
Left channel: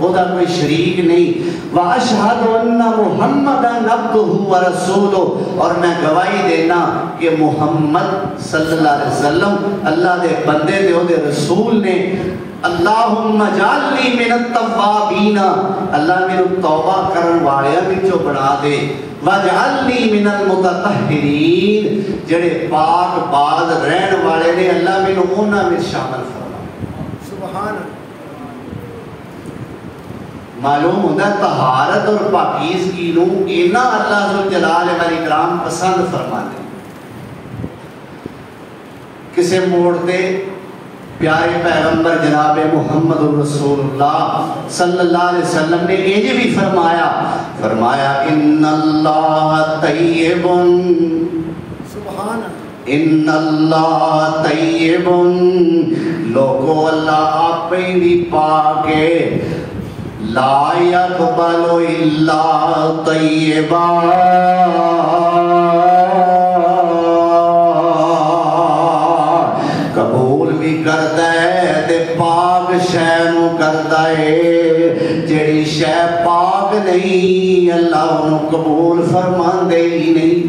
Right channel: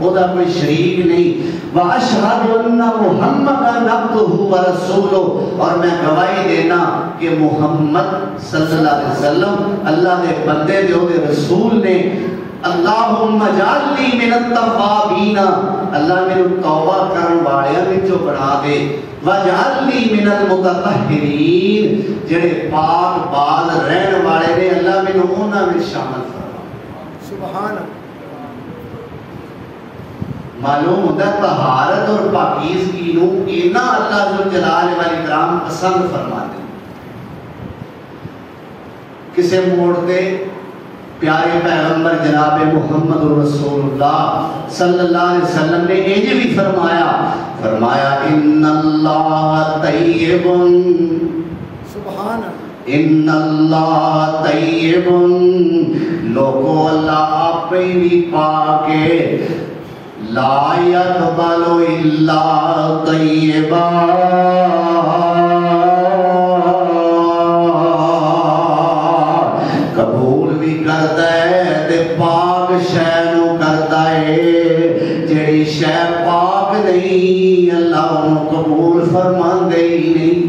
وہ دا کوئی شریک نہیں واشہد ان محمدا عبدہ ورسولہ اور میں گواہی دینا کہ محمد صلی اللہ علیہ وسلم اللہ دے بندے دے او دے رسول نے. اللہم اجعلنی من التوابین اللہ میرے توبہ کرن والے وچوں بنا دے وجعلنی من المتطہرین جڑے پاک باز رہن والے نے اللہ میرے انہاں میں شامل فرما. سبحان. معلوم ہوتا ہے طہارت اور پاکیزگی نو اینا اللہ ذوالجلال والاکرام پسند فرماتے. کسے موڑ دے پیارے پیغمبر جناب محمد رسول اللہ صلی اللہ علیہ وسلم نے یہ بھی فرمایا ان اللہ طیب سبحان. ان اللہ طیب لوگو اللہ آپ بھی پاکے لا یقبل الا طیبا قبول بھی کرتا ہے تے پاک شے نو کرتا ہے جڑی شے پاک نہیں اللہ انہوں قبول فرماندے ہی نہیں.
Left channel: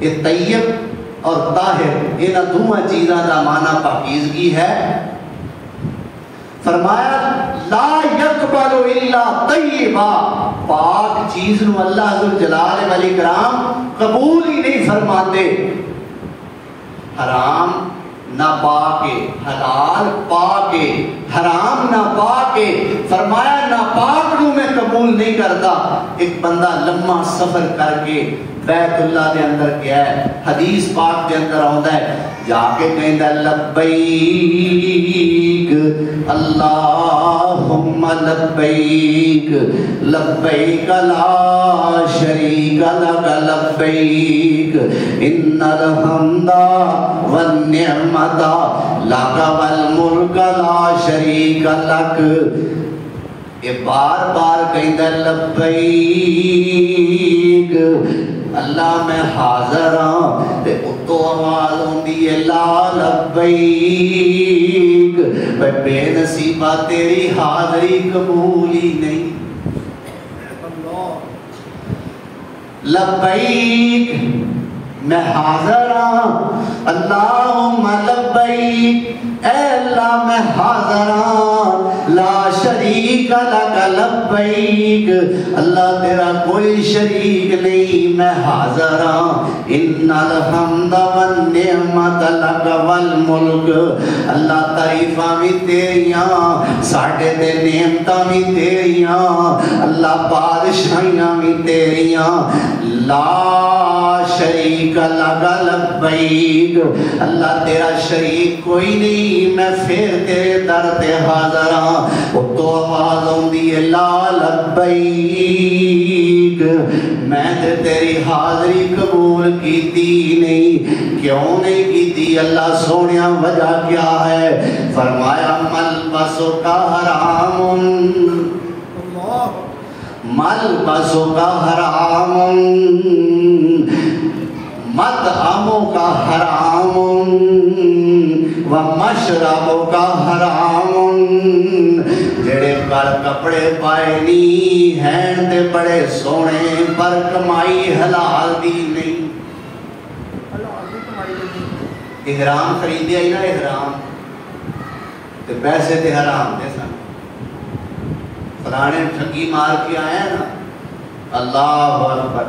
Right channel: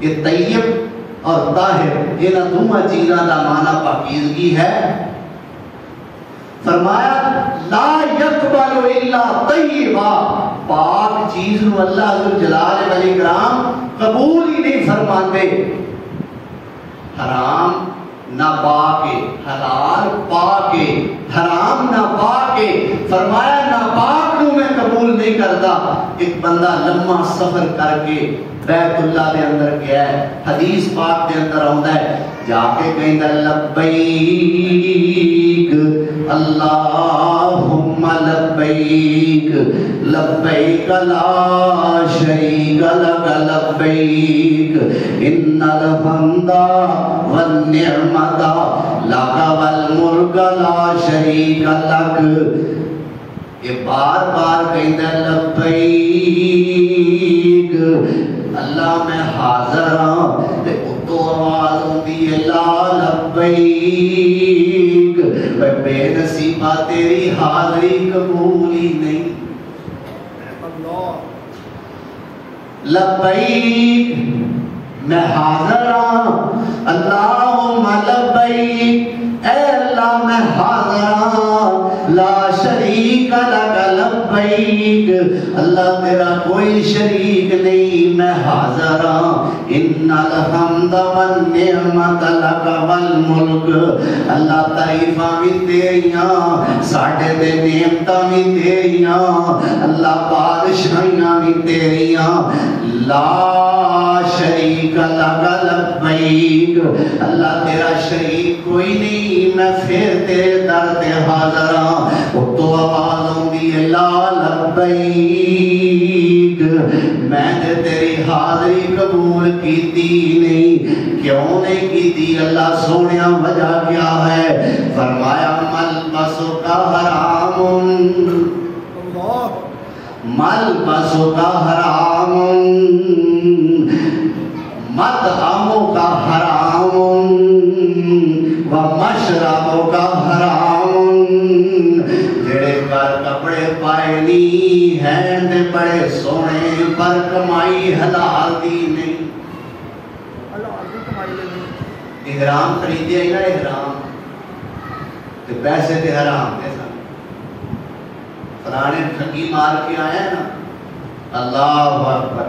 یہ طیب اور طاہر یہ نہ دونوں چیزاں دا معنی پاکیزگی ہے. فرمایا لا یقبل الا طیبا پاک چیز نو اللہ ذوالجلال والاکرام قبول ہی نہیں فرماندے. حرام نہ پا کے، حلال پا کے، حرام نہ پا کے، فرمایا ناپاک کو میں قبول نہیں کرتا۔ ایک بندہ لمبا سفر کر کے بیت اللہ دے اندر گیا ہے، حدیث پاک دے اندر آندا ہے، جا کے کہندا لبیک اللہم لبیک لبیک لا شریک لک لبیک ان الحمد والنعمت لک والملک لا شریک لک۔ یہ بار بار کہندا لبیک اللہ میں حاضر ہاں، تے اتو آواز ہوندی ہے لا لبیک، بے نصیبہ تیری حاضری قبول ہی نہیں۔ لبیک میں حاضر ہاں، اللہم لبیک اے اللہ میں حاضر ہاں، لا شریک لک لبیک اللہ تیرا کوئی شریک نہیں، میں حاضر ہاں، ان الحمد والنعمت لک والملک اللہ تعریفاں بھی تیریاں، ساڈے تے نعمتاں بھی تیریاں، اللہ بادشاہیاں بھی تیریاں، لا شریک لک لبیک اللہ تیرا شریک کوئی نہیں، میں پھر تیرے در تے حاضر ہاں۔ تو آواز ہوندی ہے لا لبیک میں تے تیری حاضری قبول کیتی نہیں۔ کیوں نہیں کیتی اللہ سونیا، وجہ کیا ہے؟ فرمایا ملبسو کا حرام، ملبسو کا حرام، مطعمو کا حرام ومشربو کا حرام، جڑے پر کپڑے پائے نہیں ہیں تے بڑے سونے، پر کمائی حلال دی نہیں۔ احرام خریدیا ہی نا، احرام تے پیسے تے حرام دے سن، فلانے ٹھگی مار کے آئے ہیں نا، اللہ اکبر،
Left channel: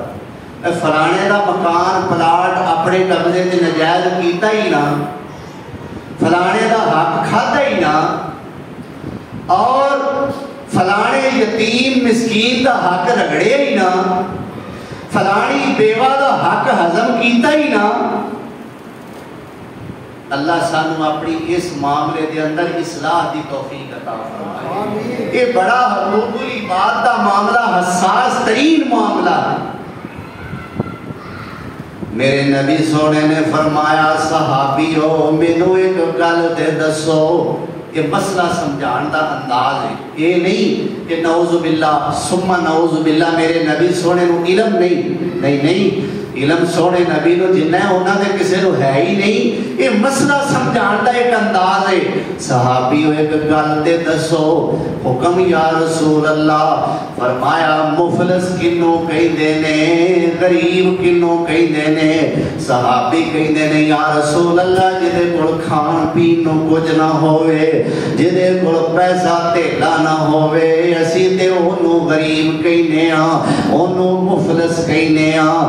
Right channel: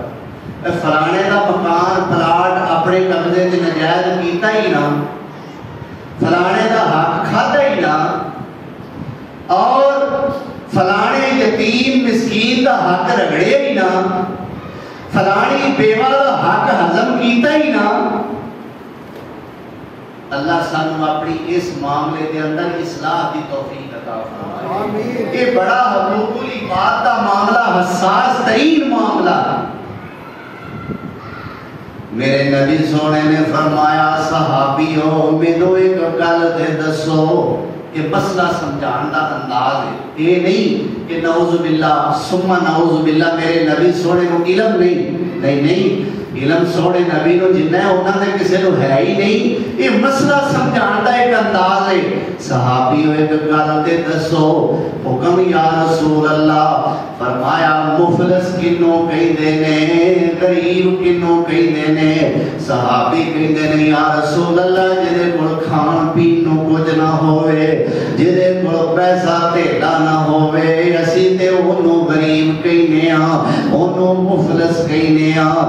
فلانے دا مکان پلاٹ اپنے قبضے تے نجائز کیتا ہی نا، فلانے دا حق کھاتا ہی نا، اور فلانے یتیم مسکین دا حق رگڑے ہی نا، فلانی بیوہ دا حق ہضم کیتا ہی نا۔ اللہ سانو اپنی اس معاملے دے اندر اصلاح دی توفیق عطا فرمائے۔ یہ بڑا حقوق العباد دا معاملہ حساس ترین معاملہ ہے۔ میرے نبی سونے نے فرمایا صحابیو مینو ایک گل دے دسو، یہ مسئلہ سمجھان دا انداز ہے، یہ نہیں کہ نعوذ باللہ ثم نعوذ باللہ میرے نبی سونے نو علم نہیں علم سونے نبی نو جنہ ہے انہاں دے کسے نو ہے ہی نہیں، یہ مسئلہ سمجھان دا ایک انداز ہے۔ صحابیو ایک گل دے دسو، حکم یا رسول اللہ، فرمایا مفلس کنوں کہندے نے، غریب کنوں کہندے نے؟ صحابی کہندے نے یا رسول اللہ جدے کول کھان پین نو کچھ نہ ہوئے، جدے کول پیسہ تیلا نہ ہوئے، اسی تے اونوں غریب کہنے ہاں، اونوں مفلس کہنے ہاں۔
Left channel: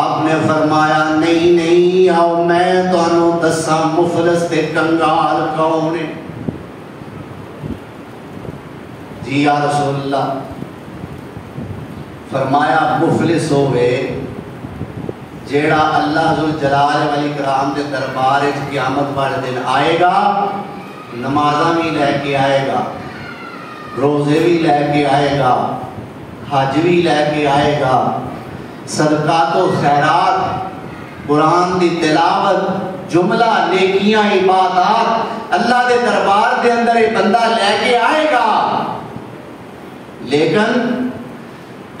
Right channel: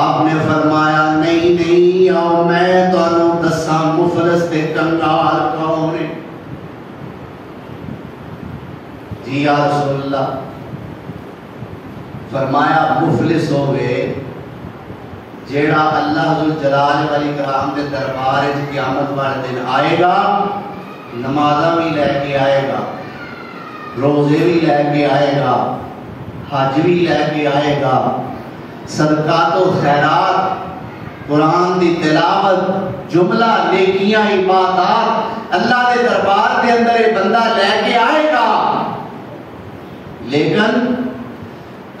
آپ نے فرمایا نہیں آؤ میں تانوں دساں مفلس تے کنگال کون ہے؟ جی یا رسول اللہ، فرمایا مفلس ہوئے جیڑا اللہ ذوالجلال والاکرام کے دربار قیامت والے دن آئے گا، نمازاں بھی لے کے آئے گا، روزے بھی لے کے آئے گا، حج بھی لے کے آئے گا، صدقات و خیرات، قرآن دی تلاوت، جملہ نیکیاں عبادات اللہ دے دربار دے اندر ایک بندہ لے کے آئے گا، لیکن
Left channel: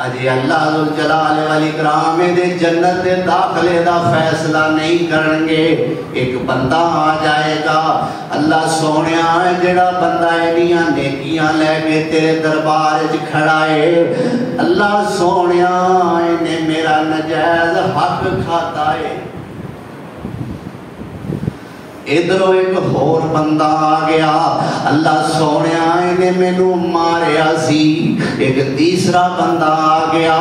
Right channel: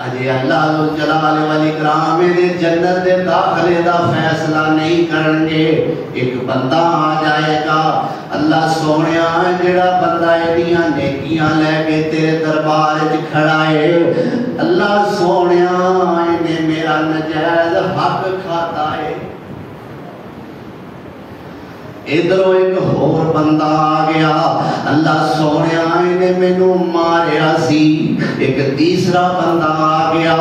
اجے اللہ ذوالجلال والاکرام دے جنت دے داخلے دا فیصلہ نہیں کرن گے۔ ایک بندہ آ جائے گا، اللہ سونیا جڑا بندہ ایڈیاں نیکیاں لے کے تیرے دربار وچ کھڑا ہے، اللہ سونیا انہیں میرا 'میرا نجائز حق کھاتا ہے. فرمایا مفلس ہوئے جیڑا اللہ ذوالجلال والاکرام دے دربار قیامت والے دن آئے گا، نمازاں بھی لے کے آئے گا، حج بھی لے کے آئے گا، صدقات و خیرات، قرآن دی تلاوت، جملہ نیکیاں عبادات، اللہ دے دربار دے اندر ایک بندہ لے کے آئے گا، لیکن اجے اللہ ذوالجلال والاکرام دے جنت دے داخلے دا فیصلہ نہیں کرن گے۔ ایک بندہ آ جائے گا، اللہ سونیا جڑا بندہ ایڈیاں نیکیاں لے کے تیرے دربار وچ کھڑا ہے، اللہ سونیا نے میرا نجائز حق کھاتا ہے۔ ادھروں ایک ہور بندہ آ گیا، اللہ سونے نے مینوں ماریا سی۔ ایک تیسرا بندہ آ گیا،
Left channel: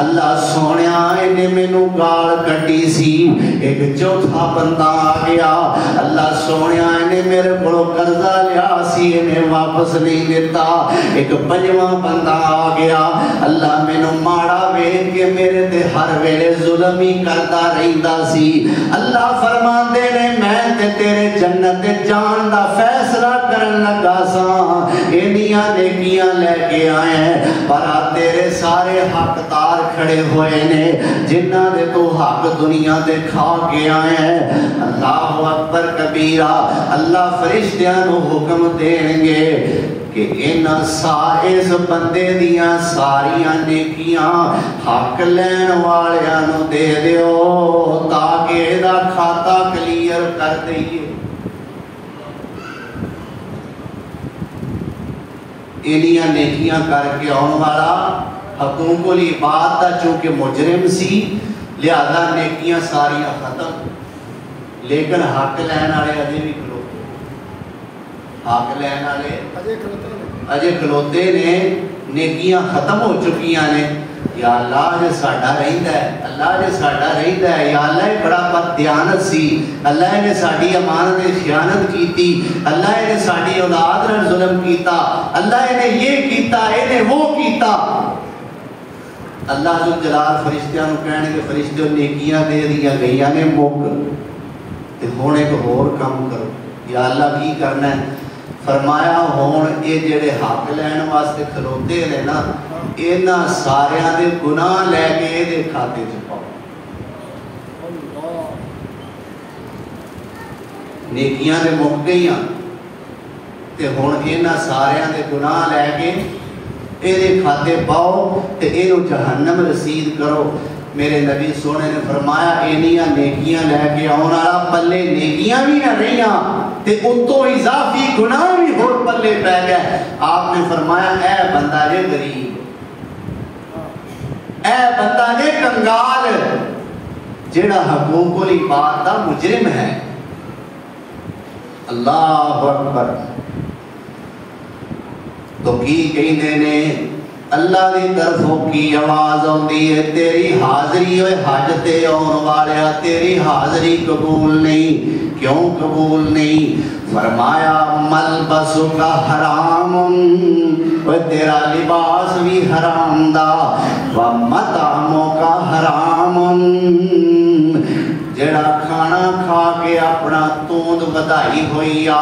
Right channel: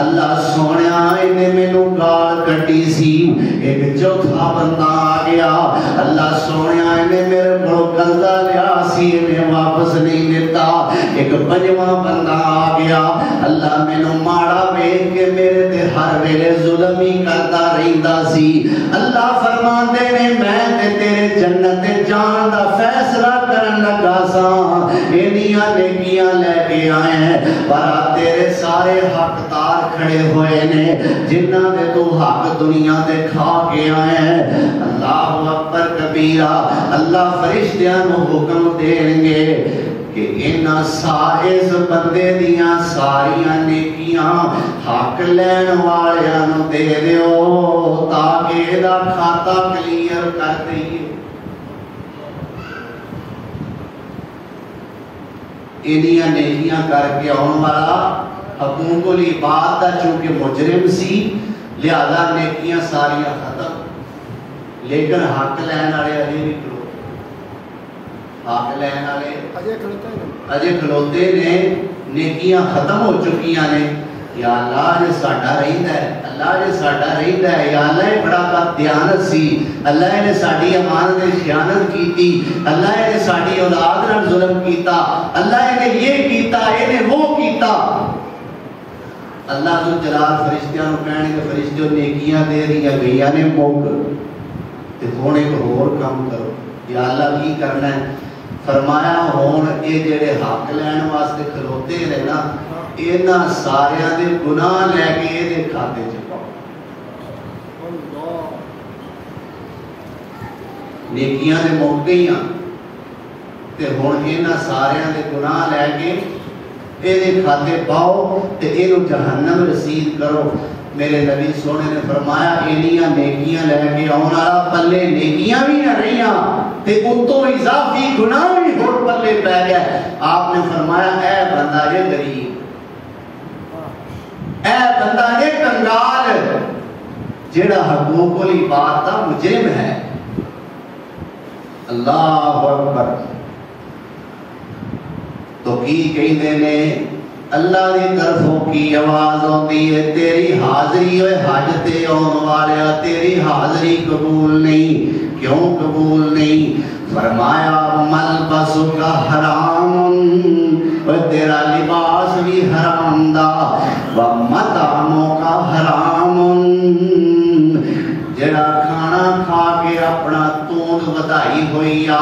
اللہ سونے نے مینوں گال کٹی سی۔ ایک چوتھا بندہ آ گیا، اللہ سونے نے میرے کو قرضہ لیا سی، میں واپس نہیں دیتا۔ ایک پنجواں بندہ آ گیا، اللہ مینوں ماڑا ویکھ کے میرے تے ہر ویلے ظلم ہی کرتا رہندا سی۔ اللہ فرماندے نے میں تے تیرے جنت جان دا فیصلہ کرن لگا سا، اینیاں نیکیاں لے کے آئے ہیں، پر تیرے سارے حقدار کھڑے ہوئے نے جنہاں دے تو حق دنیا دے کھا کے آئے ہیں۔ اللہ اکبر کبیرہ، اللہ فرشتیاں نو حکم دیں گے کہ اس بندے دیاں ساریاں نیکیاں حق لین والیاں نو دے دیو تاکہ دا کھاتا کلیئر کر دئیے۔ انہیاں نیکیاں کر کے آن والا حقوق العباد دا چونکہ مجرم سی، لہذا نیکیاں ساریاں ختم، لیکن حق لین والے اجے بھی کھلوتے، حق لین والے اجے کھلوتے نے، نیکیاں ختم ہو چکیاں نے۔ یا اللہ نے ساڈا رہندا ہے، اللہ نے ساڈا رہندا ہے، یا اللہ یہ بڑا بد دیانت سی، اللہ نے ساڈی امانت نے خیانت کیتی، اللہ نے ساڈی اولاد نال ظلم کیتا، اللہ نے یہ کیتا، نے وہ کیتا۔ اللہ ذو جلال فرشتیاں نو کہنے کہ فرشتیوں نیکیاں دے دیا گئیاں نے موک تے ہن ایک ہور کام کرو۔ یا اللہ کی کرنا ہے؟ فرمایا ہون اے جڑے حق لین واسطے کھلوتے نے نا، انہاں ساریاں دے گناہ لے کے اے دے کھاتے چ پاؤ۔ نیکیاں دے موک گئیاں تے ہن انہاں ساریاں دے گناہ لے کے اے دے کھاتے پاؤ تے اینو جہنم رسید کرو۔ میرے نبی سونے نے فرمایا اینیاں نیکیاں لے کے آن والا پلے نیکیاں بھی نہ رہیاں تے اتوں اضافی گناہ بھی ہور پلے پہ گئے۔ آپ نے فرمایا اے بندہ جے غریب، اے بندہ جے کنگال، جیڑا حقوق العباد دا مجرم ہے۔ اللہ اکبر۔ تو کی کہندے نے اللہ دی طرفوں کی آواز ہوندی ہے، تیری حاضری ہوئے حج تے آن والیا، تیری حاضری قبول نہیں۔ کیوں قبول نہیں؟ فرمایا ملبس کا حرام، وہ تیرا لباس بھی حرام دا، ومطعموں کا حرام، جڑا کھانا کھا کے اپنا توند بدائی ہوئی آ،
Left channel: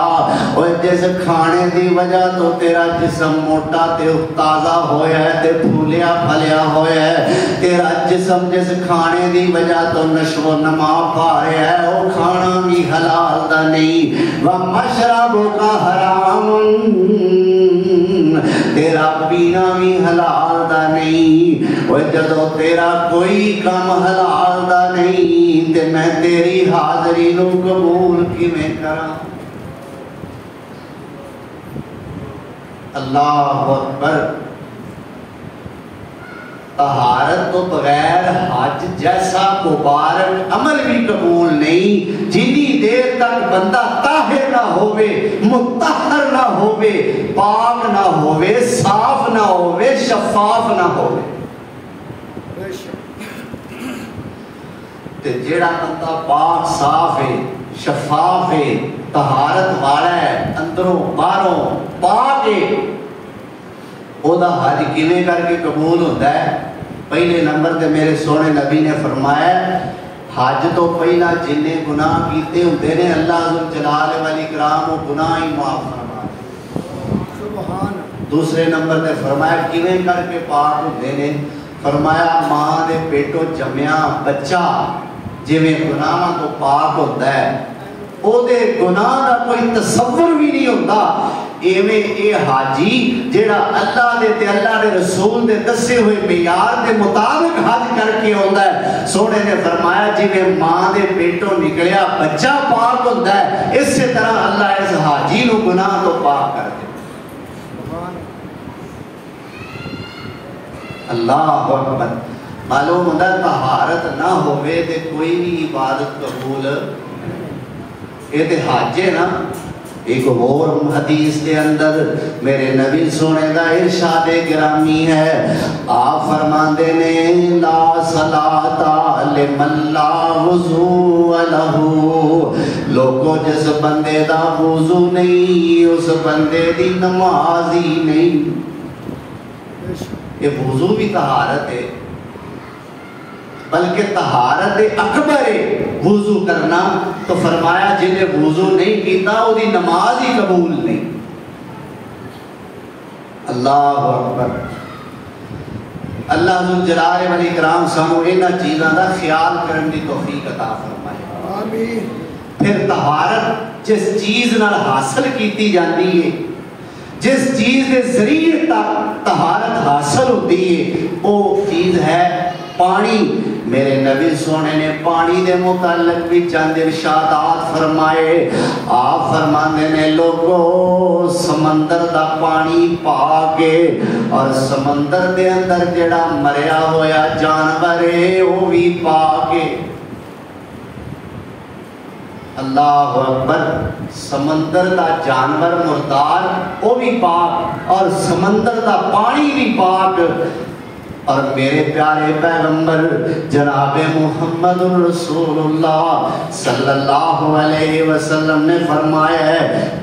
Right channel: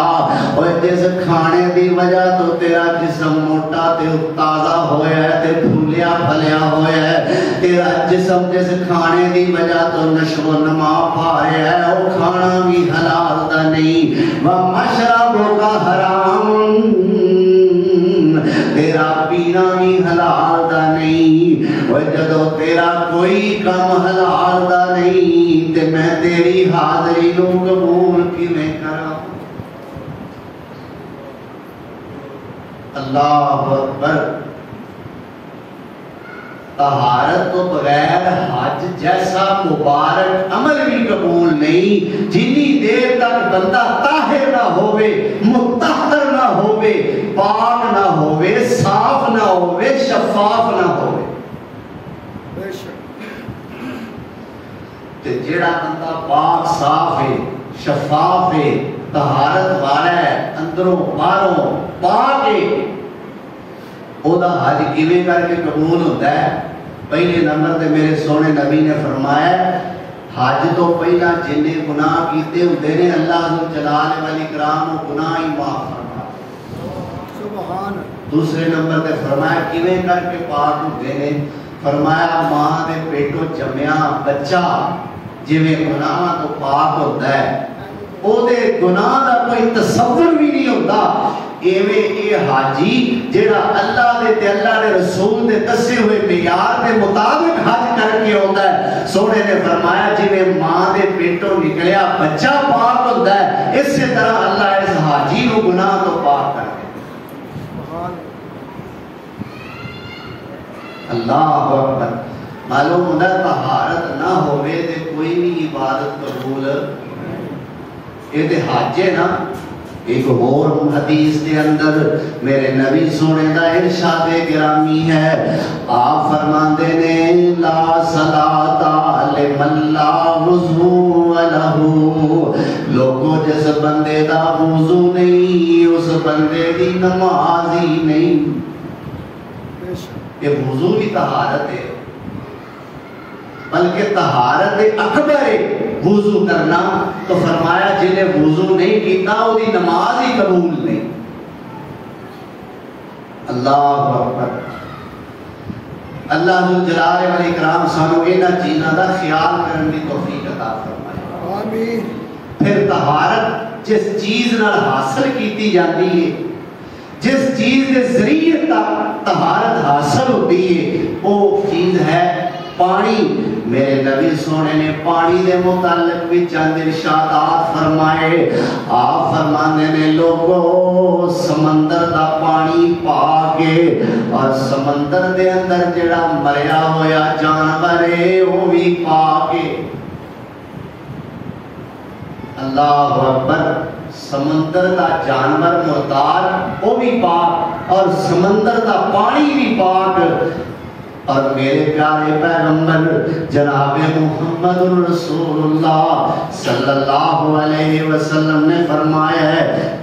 اور جس کھانے دی وجہ تو تیرا جسم موٹا تے تازہ ہویا ہے تے پھولیا پھلیا ہویا ہے، تیرا جسم جس کھانے دی وجہ تو نشو و نما پا رہا ہے، وہ کھانا بھی حلال دا نہیں۔ ومشربوں کا حرام، تیرا پینا بھی حلال دا نہیں۔ وہ جدو تیرا کوئی کم حلال دا نہیں تے میں تیری حاضری نو قبول کیویں کراں؟ اللہ اکبر۔ طہارت تو بغیر حج جیسا مبارک عمل بھی قبول نہیں، جنی دیر تک بندہ طاہر نہ ہوئے، مطہر نہ ہوئے، پاک نہ ہوئے، صاف نہ ہوئے، شفاف نہ ہوئے۔ تے جیڑا بندہ پاک صاف ہے، شفاف ہے، طہارت والا ہے، اندروں باہروں پاک ہے، او دا حج کیویں کر کے قبول ہوتا ہے؟ پہلے نمبر تے میرے سونے نبی نے فرمایا حج تو پہلا جنہیں گناہ کیتے ہوتے نے اللہ ذو جلال والاکرام و گناہ ہی معاف فرمائے۔ سبحان۔ دوسرے نمبر تے فرمایا کیویں کر کے پاک ہوتے نے؟ فرمایا ماں دے پیٹوں جمیا بچہ جویں گناہ تو پاک ہوتا ہے، او دے گناہ دا کوئی تصور بھی نہیں ہوتا، ایویں اے حاجی جیڑا اللہ دے تے اللہ دے رسول دے دسے ہوئے معیار دے مطابق حج کر کے آندا ہے، سونے نے فرمایا جویں ماں دے پیٹوں نکلیا بچہ پاک ہوتا ہے، اس سے طرح اللہ اس حاجی نو گناہ تو پاک کر دے۔ اللہ اکبر۔ معلوم ہوتا ہے طہارت نہ ہوئے تے کوئی بھی عبادت قبول یہ تو حج ہے نا. ایک اور حدیث کے اندر میرے نبی سونے دا ارشاد گرامی ہے. آپ فرماندے نے لا صلاۃ لمن لا وضو لہ. لوگوں جس بندے دا وضو نہیں اس بندے دی نماز ہی نہیں. یہ وضو بھی طہارت ہے بلکہ طہارت اکبر ہے وضو کرنا. تو فرمایا جنہیں وضو نہیں کیتا وہ دی نماز ہی قبول نہیں. اللہ اکبر. اللہ ذو جلال والاکرام سانو انہاں چیزاں دا خیال کرن دی توفیق عطا فرمائے. آمین. پھر طہارت جس چیز نال حاصل کیتی جاندی ہے جس چیز دے ذریعے تک طہارت حاصل ہوتی ہے وہ چیز ہے پانی. میرے نبی سونے نے پانی دے متعلق بھی چند ارشادات فرمائے. آپ فرماندے نے لوگوں سمندر دا پانی پا کے اور سمندر دے اندر جڑا مریا ہویا جانور ہے وہ بھی پا کے. اللہ اکبر. سمندر دا جانور مردار وہ بھی پاک اور سمندر دا پانی بھی پاک. اور میرے پیارے پیغمبر جناب محمد رسول اللہ صلی اللہ علیہ وسلم نے فرمایا ہے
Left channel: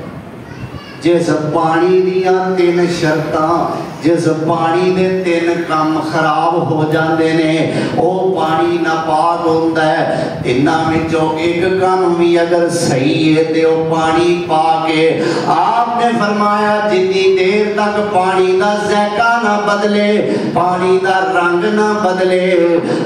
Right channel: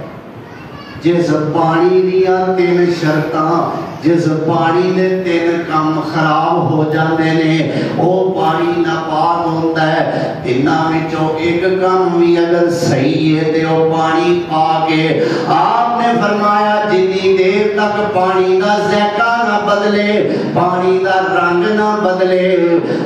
جس پانی دیا 3 شرطاں جس پانی دے 3 کام خراب ہو جاندے نے وہ پانی ناپاک ہوندا ہے. انہاں وچوں ایک کام بھی اگر صحیح ہے تے وہ پانی پاک ہے. آپ نے فرمایا جتنی دیر تک پانی دا ذائقہ نہ بدلے پانی دا رنگ نہ بدلے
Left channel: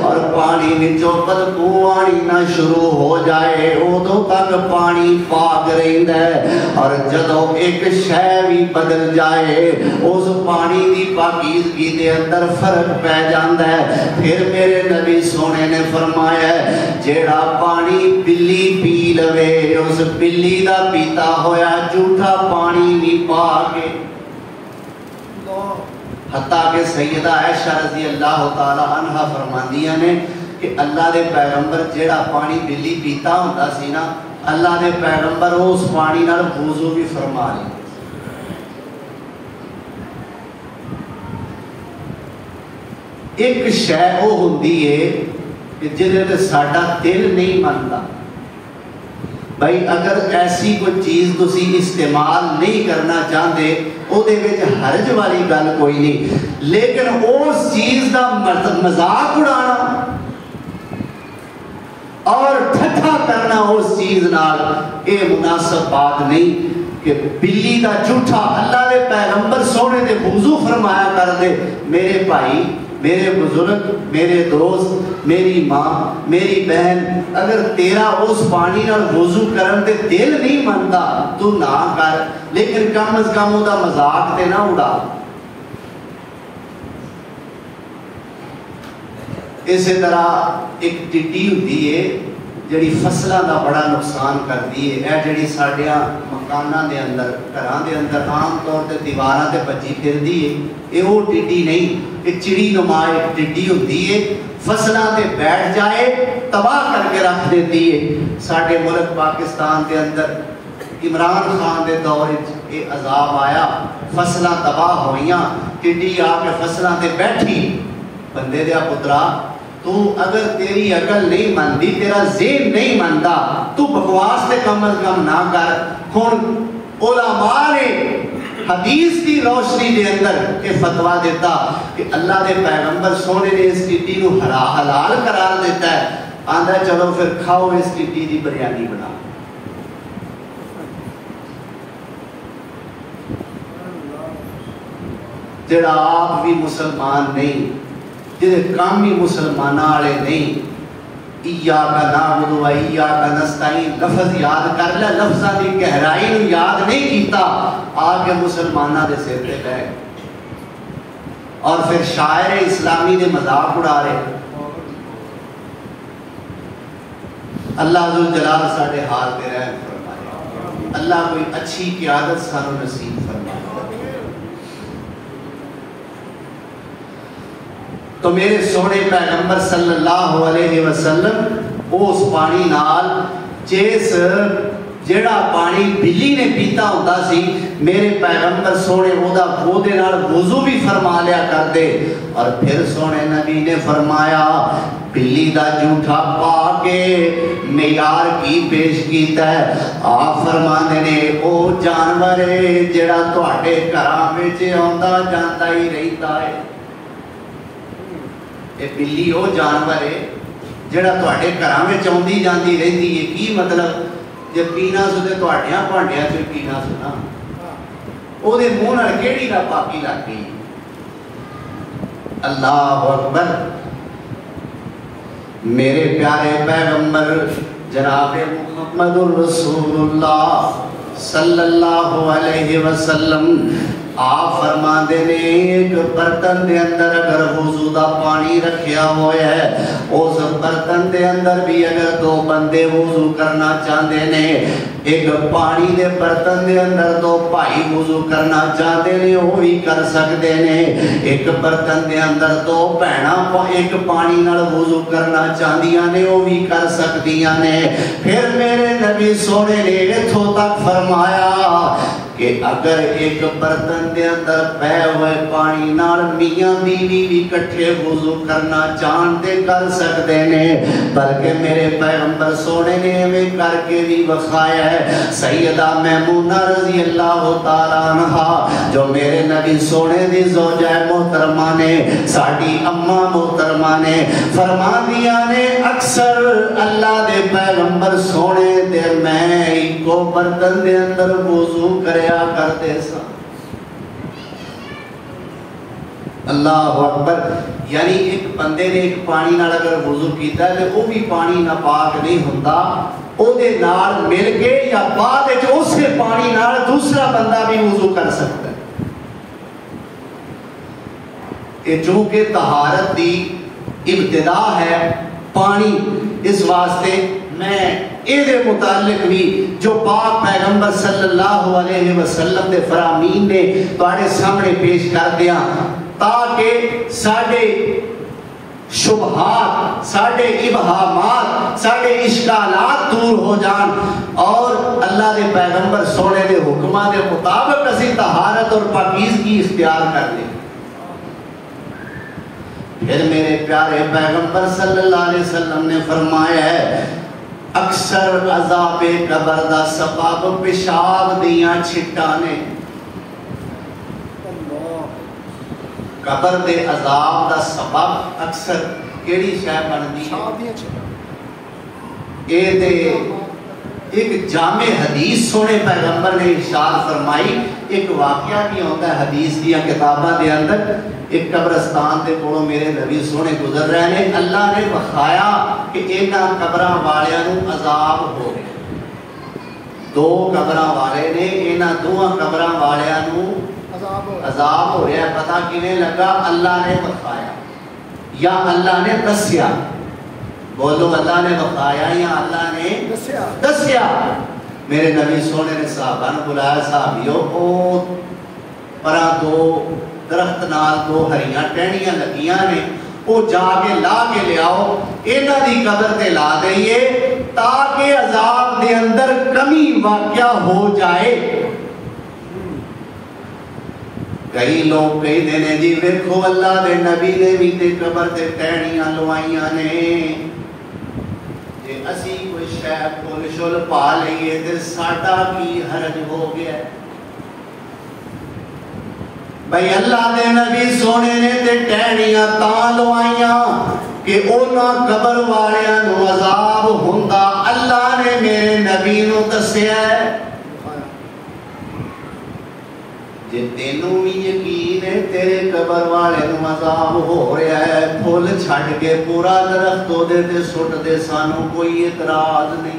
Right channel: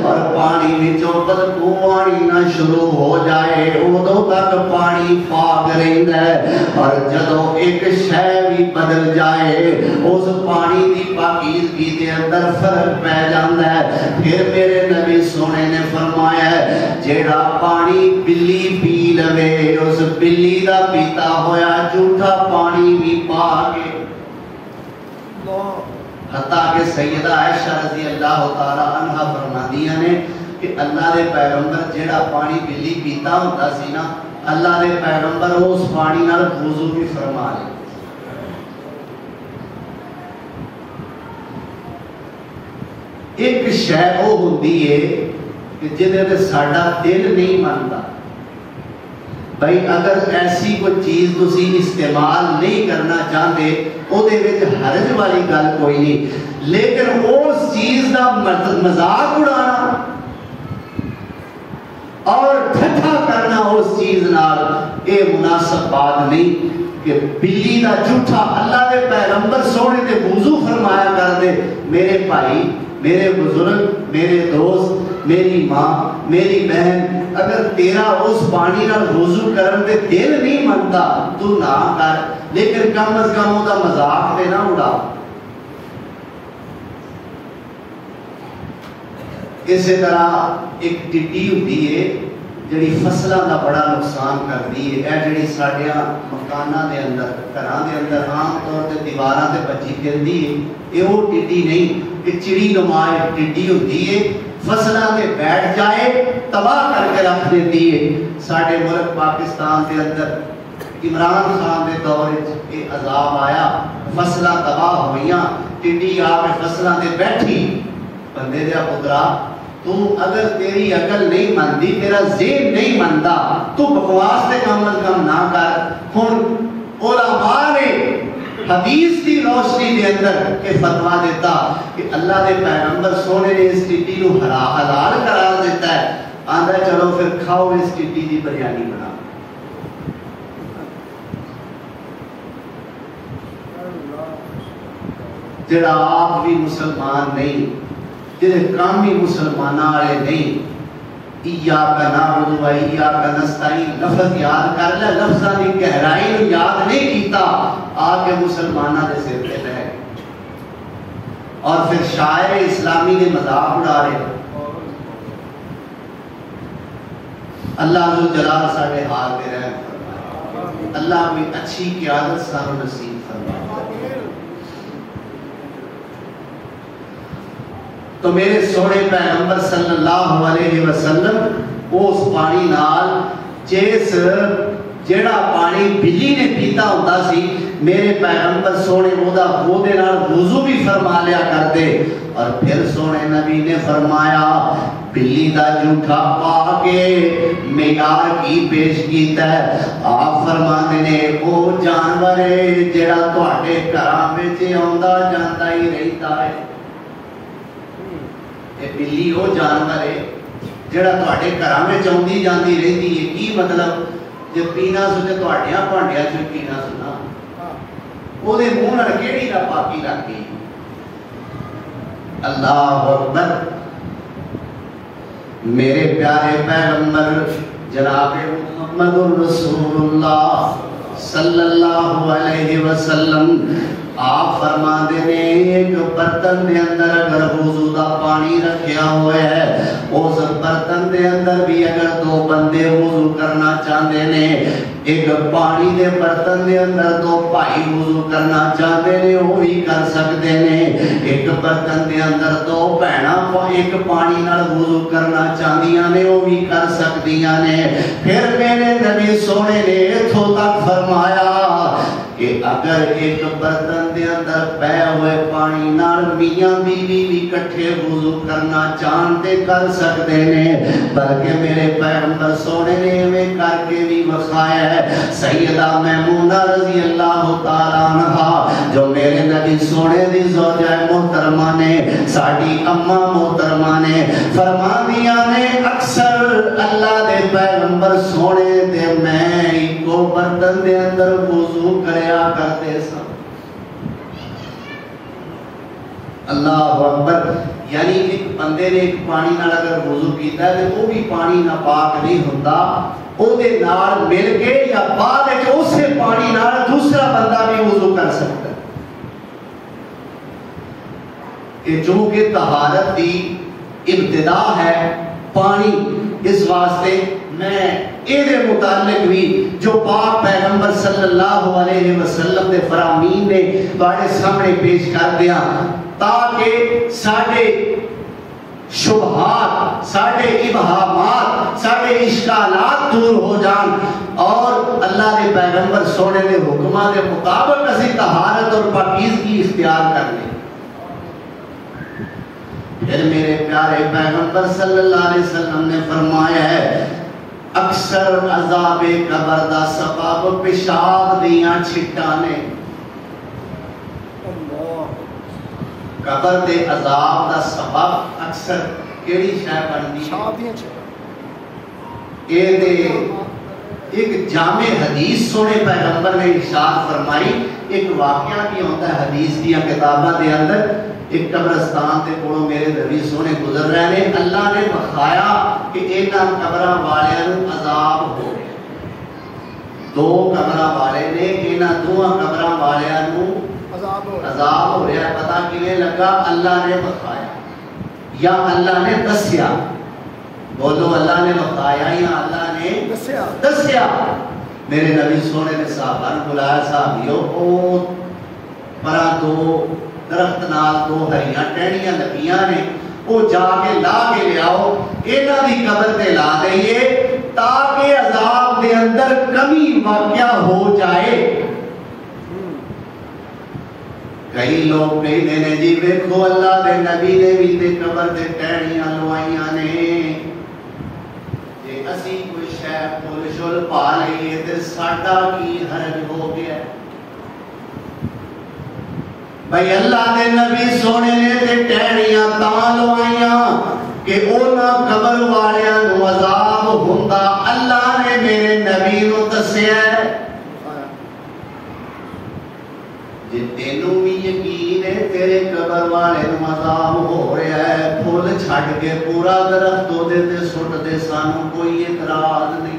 اور پانی وچوں بدبو آنی نہ شروع ہو جائے ادوں تک پانی پاک رہندا ہے. اور جدوں ایک شے بھی بدل جائے اس پانی دی پاکیزگی دے اندر فرق پہ جاندا ہے. پھر میرے نبی سونے نے فرمایا ہے جیڑا پانی بلی پی لوے اس بلی دا پیتا ہویا جھوٹا پانی بھی پا کے. حتیٰ کہ سیدہ عائشہ رضی اللہ تعالی عنہ فرماندیاں نے کہ اللہ دے پیغمبر جیڑا پانی بلی پیتا ہوتا سی نا اللہ دے پیغمبر اس پانی نال وضو بھی فرما لے. ایک شے وہ ہوندی ہے کہ جدے تے ساڈا دل نہیں مانتا. بھائی اگر ایسی کوئی چیز تسی استعمال نہیں کرنا چاہتے وہ دے وچ حرج والی گل کوئی نہیں لیکن اس چیز دا مذاق اڑانا اور ٹھٹھا کرنا اس چیز نال یہ مناسب بات نہیں. کہ بلی دا جھوٹا اللہ دے پیغمبر سونے دے وضو فرمایا کر دے. میرے بھائی میرے بزرگ میرے دوست میری ماں میری بہن اگر تیرا اس پانی نال وضو کرن دے دل نہیں منتا تو نہ کر لیکن کم از کم وہ دا مذاق تے نہ اڑا. اسی طرح ایک ٹڈی ہوتی ہے جڑی فصلوں کا بڑا نقصان کرتی ہے. یہ جڑی ساڈیاں مکاناں دے اندر گھراں دے اندر عام طور تے دیواراں تے بچی پھردی ہے یہ وہ ٹڈی نہیں ایک چڑی نما ایک ٹڈی ہوتی ہے فصلاں تے بیٹھ جائے تباہ کر کے رکھ دیتی ہے. ساڈے ملک پاکستان دے اندر عمران خان دے دور وچ یہ عذاب آیا فصلاں تباہ ہوئیاں ٹڈی آ کے فصلاں تے بیٹھی. بندے دیا پترا تو اگر تیری عقل نہیں مانتی تیرا ذہن نہیں مانتا تو بکواس تے کم از کم نہ کر. ہن علماء نے حدیث کی روشنی دے اندر یہ فتویٰ دیتا کہ اللہ دے پیغمبر سونے نے اس ٹڈی کو حلال قرار دیتا ہے. آندا چلو پھر کھاؤ اس ٹڈی دی بریانی بنا. جڑا آپ بھی مسلمان نہیں جہے کام بھی مسلمانوں والے نہیں ایاک نعبد و ایاک نستعین لفظ یاد کر لے لفظاں دی گہرائی نوں یاد نہیں کیتا آ کے مسلماناں دے سر تے لے اور پھر شاعر اسلامی دے مذاق اڑا رہے. اللہ ذو جلال ساڈے حال تے رحم فرمائے. اللہ کوئی اچھی قیادت سانو نصیب فرمائے. تو میرے سونے پیغمبر صلی اللہ علیہ وسلم اس پانی نال جس جڑا پانی بلی نے پیتا ہوتا سی میرے پیغمبر سونے وہ دے نال وضو بھی فرما لیا کرتے. اور پھر سونے نبی نے فرمایا بلی دا جھوٹا پا کے معیار کی پیش کیتا ہے. آپ فرماندے نے او جانور ہے جڑا تواڈے گھراں وچ آندا جاندا ہی رہتا ہے. اے بلی او جانور ہے جڑا تواڈے گھراں وچ آندی جاندی رہتی ہے. کی مطلب جب پینا سو تے تواڈیاں بھانڈیاں چ پینا سو نا او دے منہ نال کیڑی دا پاکی لگ گئی. اللہ اکبر. میرے پیارے پیغمبر جناب محمد الرسول اللہ صلی اللہ علیہ وسلم آپ فرماندے نے ایک برتن دے اندر اگر وضو دا پانی رکھیا ہوا ہے اس برتن دے اندر بھی اگر دو بندے وضو کرنا چاہتے نے ایک پانی دے برتن دے اندر دو بھائی وضو کرنا چاہتے نے وہ بھی کر سکتے نے. ایک برتن دے اندر دو بہناں ایک پانی نال وضو کرنا چاہدیاں نے وہ بھی کر سکدیاں نے. پھر میرے نبی سونے نے اتھوں تک فرمایا کہ اگر ایک برتن دے اندر پے ہوئے پانی نال میاں بیوی بھی کٹھے وضو کرنا چاہتے کر سکتے نے. بلکہ میرے پیغمبر سونے نے ہمیں کر کے بھی بخایا ہے. سیدہ میمونہ رضی اللہ تعالیٰ عنہ جو میرے نبی سونے دی زوجہ محترمہ نے ساڑی اماں محترمہ نے فرما دیا نے اکثر اللہ دے پیغمبر سونے دے میں کو برتن دے اندر وضو کریا کرتے سا. اللہ اکبر. یعنی ایک بندے نے ایک پانی نال اگر وضو کیتا ہے تو وہ بھی پانی ناپاک نہیں ہوتا او دے نال مل کے یا بعد وچ اسے پانی نال دوسرا بندہ بھی وضو کر سکتا ہے. کہ چونکہ طہارت دی ابتدا ہے پانی اس واسطے میں اے دے متعلق بھی جو پاک پیغمبر صلی اللہ علیہ وسلم دے فرامین نے بڑے سامنے پیش کر دیا تاکہ ساڑھے شبہات ساڑھے ابہامات ساڑھے اشکالات دور ہو جان اور اللہ دے پیغمبر سونے دے حکمہ دے مطابق اسی طہارت اور پاکیزگی اختیار کر لیں. پھر میرے پیارے پیغمبر صلی اللہ علیہ وسلم نے فرمایا ہے اکثر عذاب قبر دا سبب پیشاب دیاں چھٹانے. قبر دے عذاب دا سبب اکثر کیڑی شے بندی اے دے ایک جامع حدیث سونے پیغمبر نے ارشاد فرمائی. ایک واقعہ بھی ہوتا ہے حدیث دیا کتاباں دے اندر. ایک قبرستان تے کوڑوں میرے نبی سونے گزر رہے ہیں اللہ نے بخایا کہ انہاں قبراں والیاں نوں عذاب ہو رہے. دو قبراں والے نے انہاں دوہاں قبراں والیاں نوں عذاب ہو رہا ہے. پتہ کیویں لگا؟ اللہ نے بخایا یا اللہ نے دسیا. بولو اللہ نے بخایا یا اللہ نے دسیا. میرے نبی سونے نے صحابہ نے بلایا صحابیوں کو پرا دو درخت نال دو ہریاں ٹہنیاں لگیاں نے وہ جا کے لا کے لے آؤ انہاں دی قبر تے لا دئیے تاکہ عذاب دے اندر کمی واقع ہو جائے. کئی لوگ کہی دینے جی ویکھو اللہ دے نبی نے بھی تے قبر تے ٹہنیاں لوائیاں نے جے اسی کوئی شے پھول شل پا لئیے تے ساڈا کی حرج ہو گیا. بھائی اللہ دے نبی سونے نے تے ٹہنیاں تاں لوائیاں کہ اونا قبر والیاں نو عذاب ہوندا. اللہ نے میرے نبی نو دسیا ہے. جے تینوں بھی یقین ہے تیرے قبر والے نو عذاب ہو رہا ہے پھول چھڑ کے پورا درخت ہو دے تے سٹ دے سانوں کوئی اعتراض نہیں.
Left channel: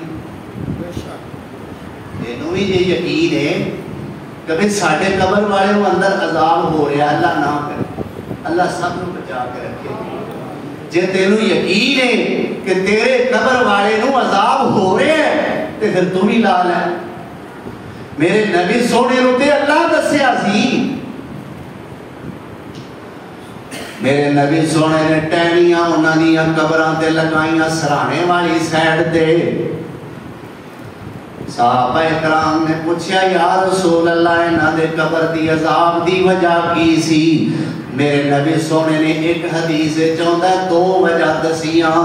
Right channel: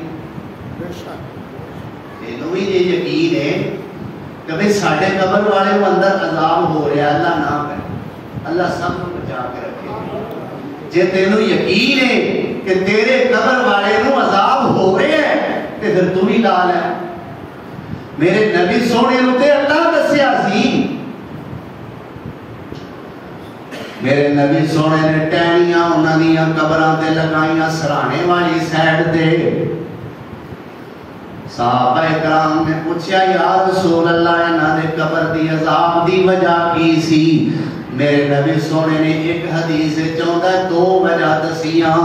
تینوں بھی یہ یقین ہے کہ ساڑھے قبر والے وہ اندر عذاب ہو رہا ہے اللہ نہ کرے اللہ سب کو بچا کے رکھے. جے تینوں یقین ہے کہ تیرے قبر والے نو عذاب ہو رہے ہیں تے پھر تو بھی لال ہے. میرے نبی سونے ہوتے اللہ دسیا سی. میرے نبی سونے نے ٹہنیاں انہاں دیاں قبراں تے لگائیاں سرانے والی سائیڈ تے. صحابہ اکرام نے پوچھا یا رسول اللہ انہاں دے قبر دی عذاب دی وجہ کی سی؟ میرے نبی سونے نے ایک حدیث چاہتا ہے دو وجہ دسیاں،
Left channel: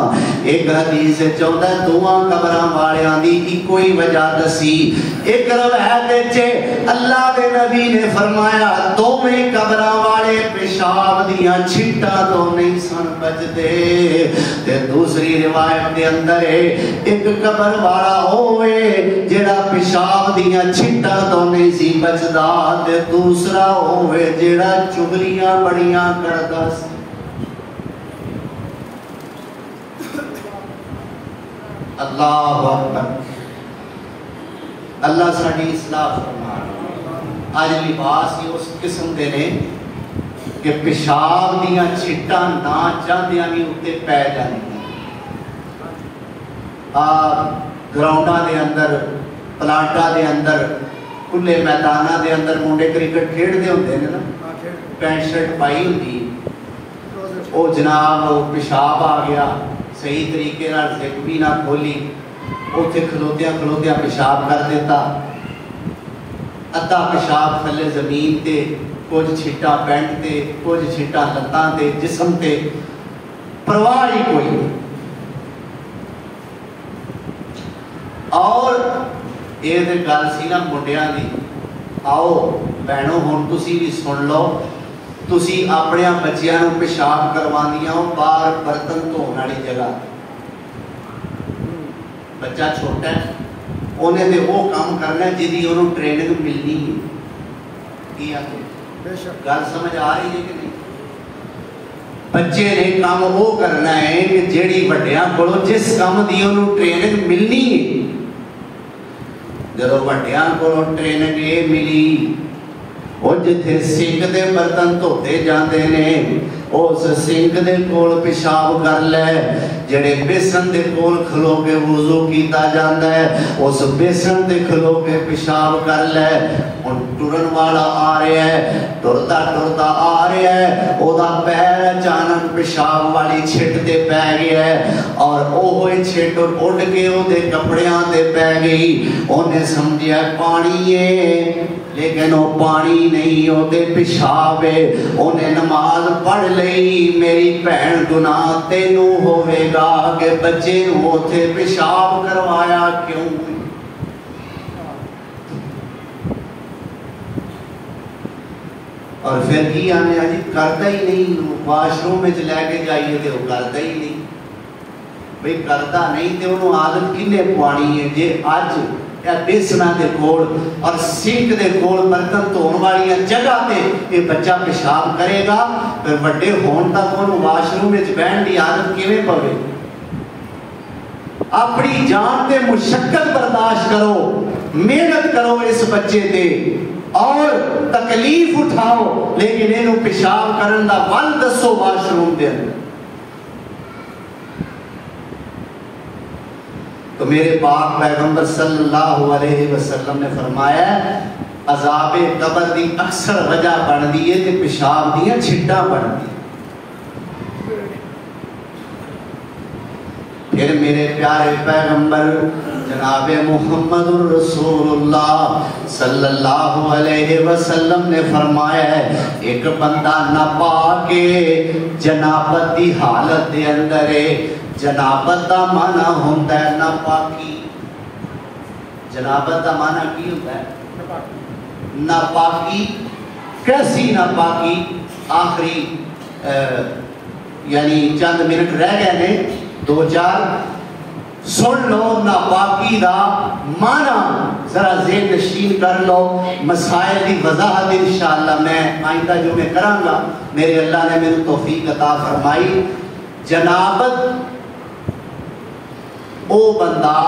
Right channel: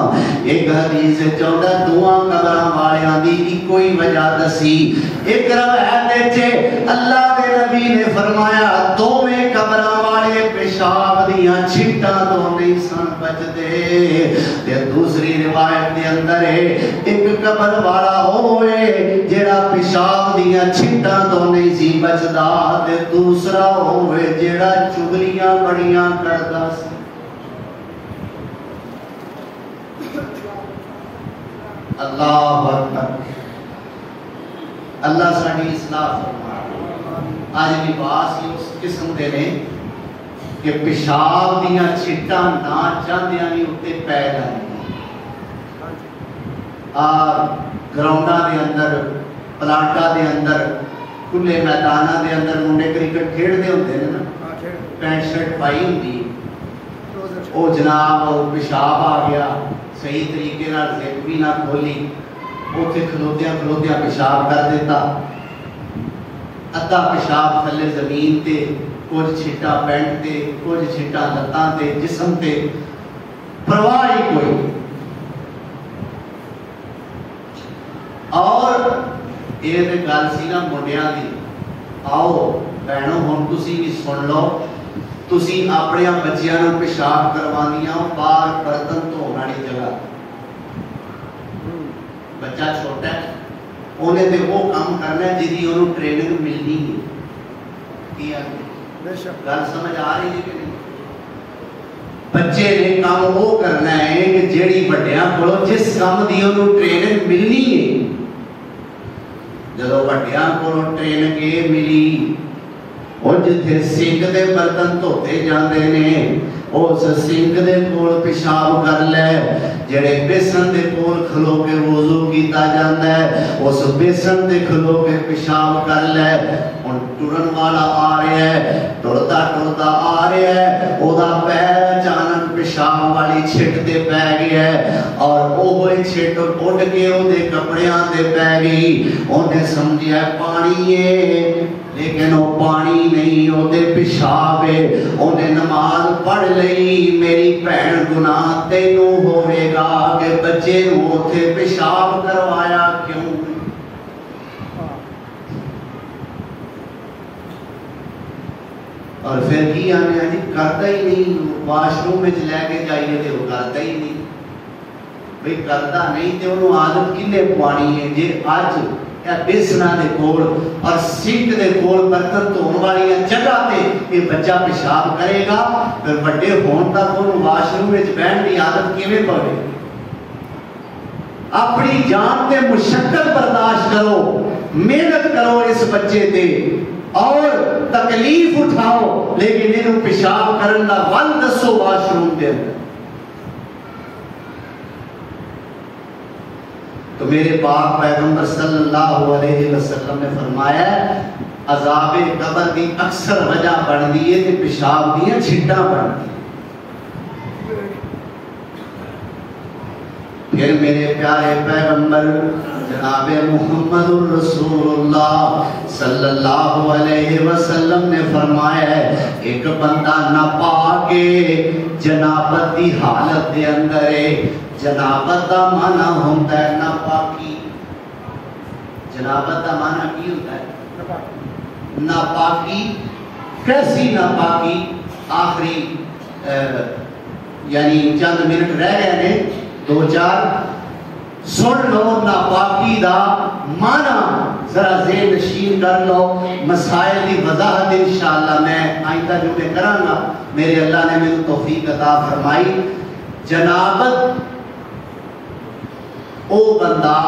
ایک حدیث چاہتا ہے دعا قبراں والیاں دی کوئی وجہ دسی۔ ایک روایت چے اللہ کے نبی نے فرمایا دوویں قبراں والے پیشاب دیاں چھٹاں تو نہیں سن بچدے، تے دوسری روایت دے اندر ہے ایک قبر والا ہوئے جڑا پیشاب دیاں چھٹاں تو نہیں سی بچدا، تے دوسرا ہوئے جڑا چگلیاں بڑیاں کردا سی۔ اللہ اکبر، اللہ ساڈی اصلاح فرمائے۔ آج لباس ہی اس قسم دے نے کہ پیشاب دیاں چھٹاں نہ چاہدیاں نہیں اتے پے جاندیاں۔ گراؤنڈاں دے اندر، پلاٹاں دے اندر، کھلے میداناں دے اندر منڈے کرکٹ کھیڈدے ہوندے نے نا، پینٹ شرٹ پائی ہوندی، او جناب پیشاب آ گیا، صحیح طریقے نال زپ بھی نہ کھولی، اوتھے کھلوتیاں کھلوتیاں پیشاب کر دیتا، ادھا پیشاب تھلے زمین تے، کچھ چھٹا پینٹ تے، کچھ چھٹا لتاں تے، جسم تے، پرواہ ہی کوئی۔ اور یہ گل سی نا منڈیاں دی، آؤ بہنوں ہن تسی بھی سن لو، تسی اپنے بچیاں نوں پیشاب کروانیاں ہو باہر برتن دھون والی جگہ، بچہ چھوٹا ہے انہیں تے وہ کام کرنا ہے جدی انہوں ٹریننگ ملنی ہے، گل سمجھ آ رہی ہے کہ نہیں؟ بچے نے کام وہ کرنا ہے کہ جیڑی وڈیاں کولو جس کام دی انہوں ٹریننگ ملنی ہے، جدو وڈیاں کولو ٹریننگ یہ ملی وہ جتھے سنک دے برتن دھوتے جاندے نے اس سنک دے کول پیشاب کر لے، جڑے بیسن دے کول کھلو کے وضو کیتا جاندا ہے اس بیسن دے کھلو کے پیشاب کر لے۔ ہن ٹرن والا آ رہا ہے، ٹرتا ٹرتا آ رہا ہے، او دا پیر اچانک پیشاب والی چھٹ تے پے گیا ہے اور اوہی چھٹ اڑ کے او دے کپڑیاں تے پے گئی، اونے سمجھیا پانی ہے لیکن وہ پانی نہیں، وہ دے پیشاب ہے، انہیں نماز پڑھ لئی، میری بہن گناہ تینوں ہوئے گا کہ بچے ہوتے پیشاب کروایا کیوں؟ اور پھر کی آنے آجی کرتا ہی نہیں، واش روم میں لے کے جائیے تو وہ کرتا ہی نہیں، بھئی کرتا نہیں تو انہوں عادت کنے پوانی ہے جے آج بیسنا دے کول اور سنک دے کول برتن دھون والی جگہ تے یہ بچہ پیشاب کرے گا، پھر بڑے ہون تک ان واش روم وچ بہن دی عادت کیویں پوے؟ اپنی جان تے مشقت برداشت کرو، محنت کرو اس بچے تے اور تکلیف اٹھاؤ، لیکن انہوں پیشاب کرن دا ول دسو واش روم دے۔ تو میرے پاک پیغمبر صلی اللہ علیہ وسلم نے فرمایا عذاب قبر دی اکثر وجہ بندی ہے تے پیشاب دیاں چھٹاں بندی۔ پھر میرے پیارے پیغمبر جناب محمد الرسول اللہ صلی اللہ علیہ وسلم نے فرمایا ہے ایک بندہ ناپاک جنابت دی حالت دے اندر ہے۔ جنابت دا معنی ہوتا ہے ناپاکی، جنابت دا معنی کی ہوتا ہے ناپاکی۔ کیسی ناپاکی؟ آخری یعنی چند منٹ رہ گئے نے، دو چار سن لو ناپاکی دا معنی، ذرا ذہن نشین کر لو۔ مسائل کی وضاحت انشاءاللہ میں آئندہ جو میں کروں گا، میرے اللہ نے مجھے توفیق عطا فرمائی۔ جنابت او بندہ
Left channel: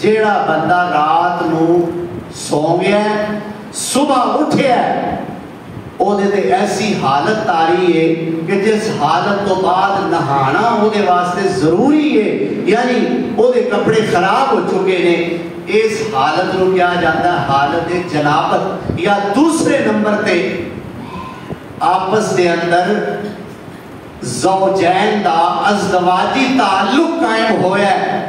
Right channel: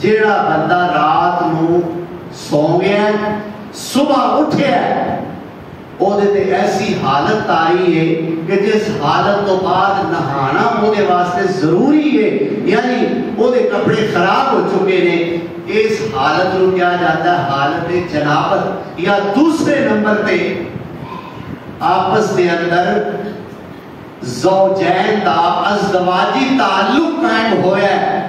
جیڑا بندہ رات نو سو گیا صبح اٹھیا او دے تے ایسی حالت آئی ہے کہ جس حالت تو بعد نہانا او دے واسطے ضروری ہے، یعنی او دے کپڑے خراب ہو چکے نے، اس حالت نو کیا جاتا ہے حالت جنابت۔ یا دوسرے نمبر تے آپس دے اندر زوجین دا ازدواجی تعلق قائم ہویا ہے،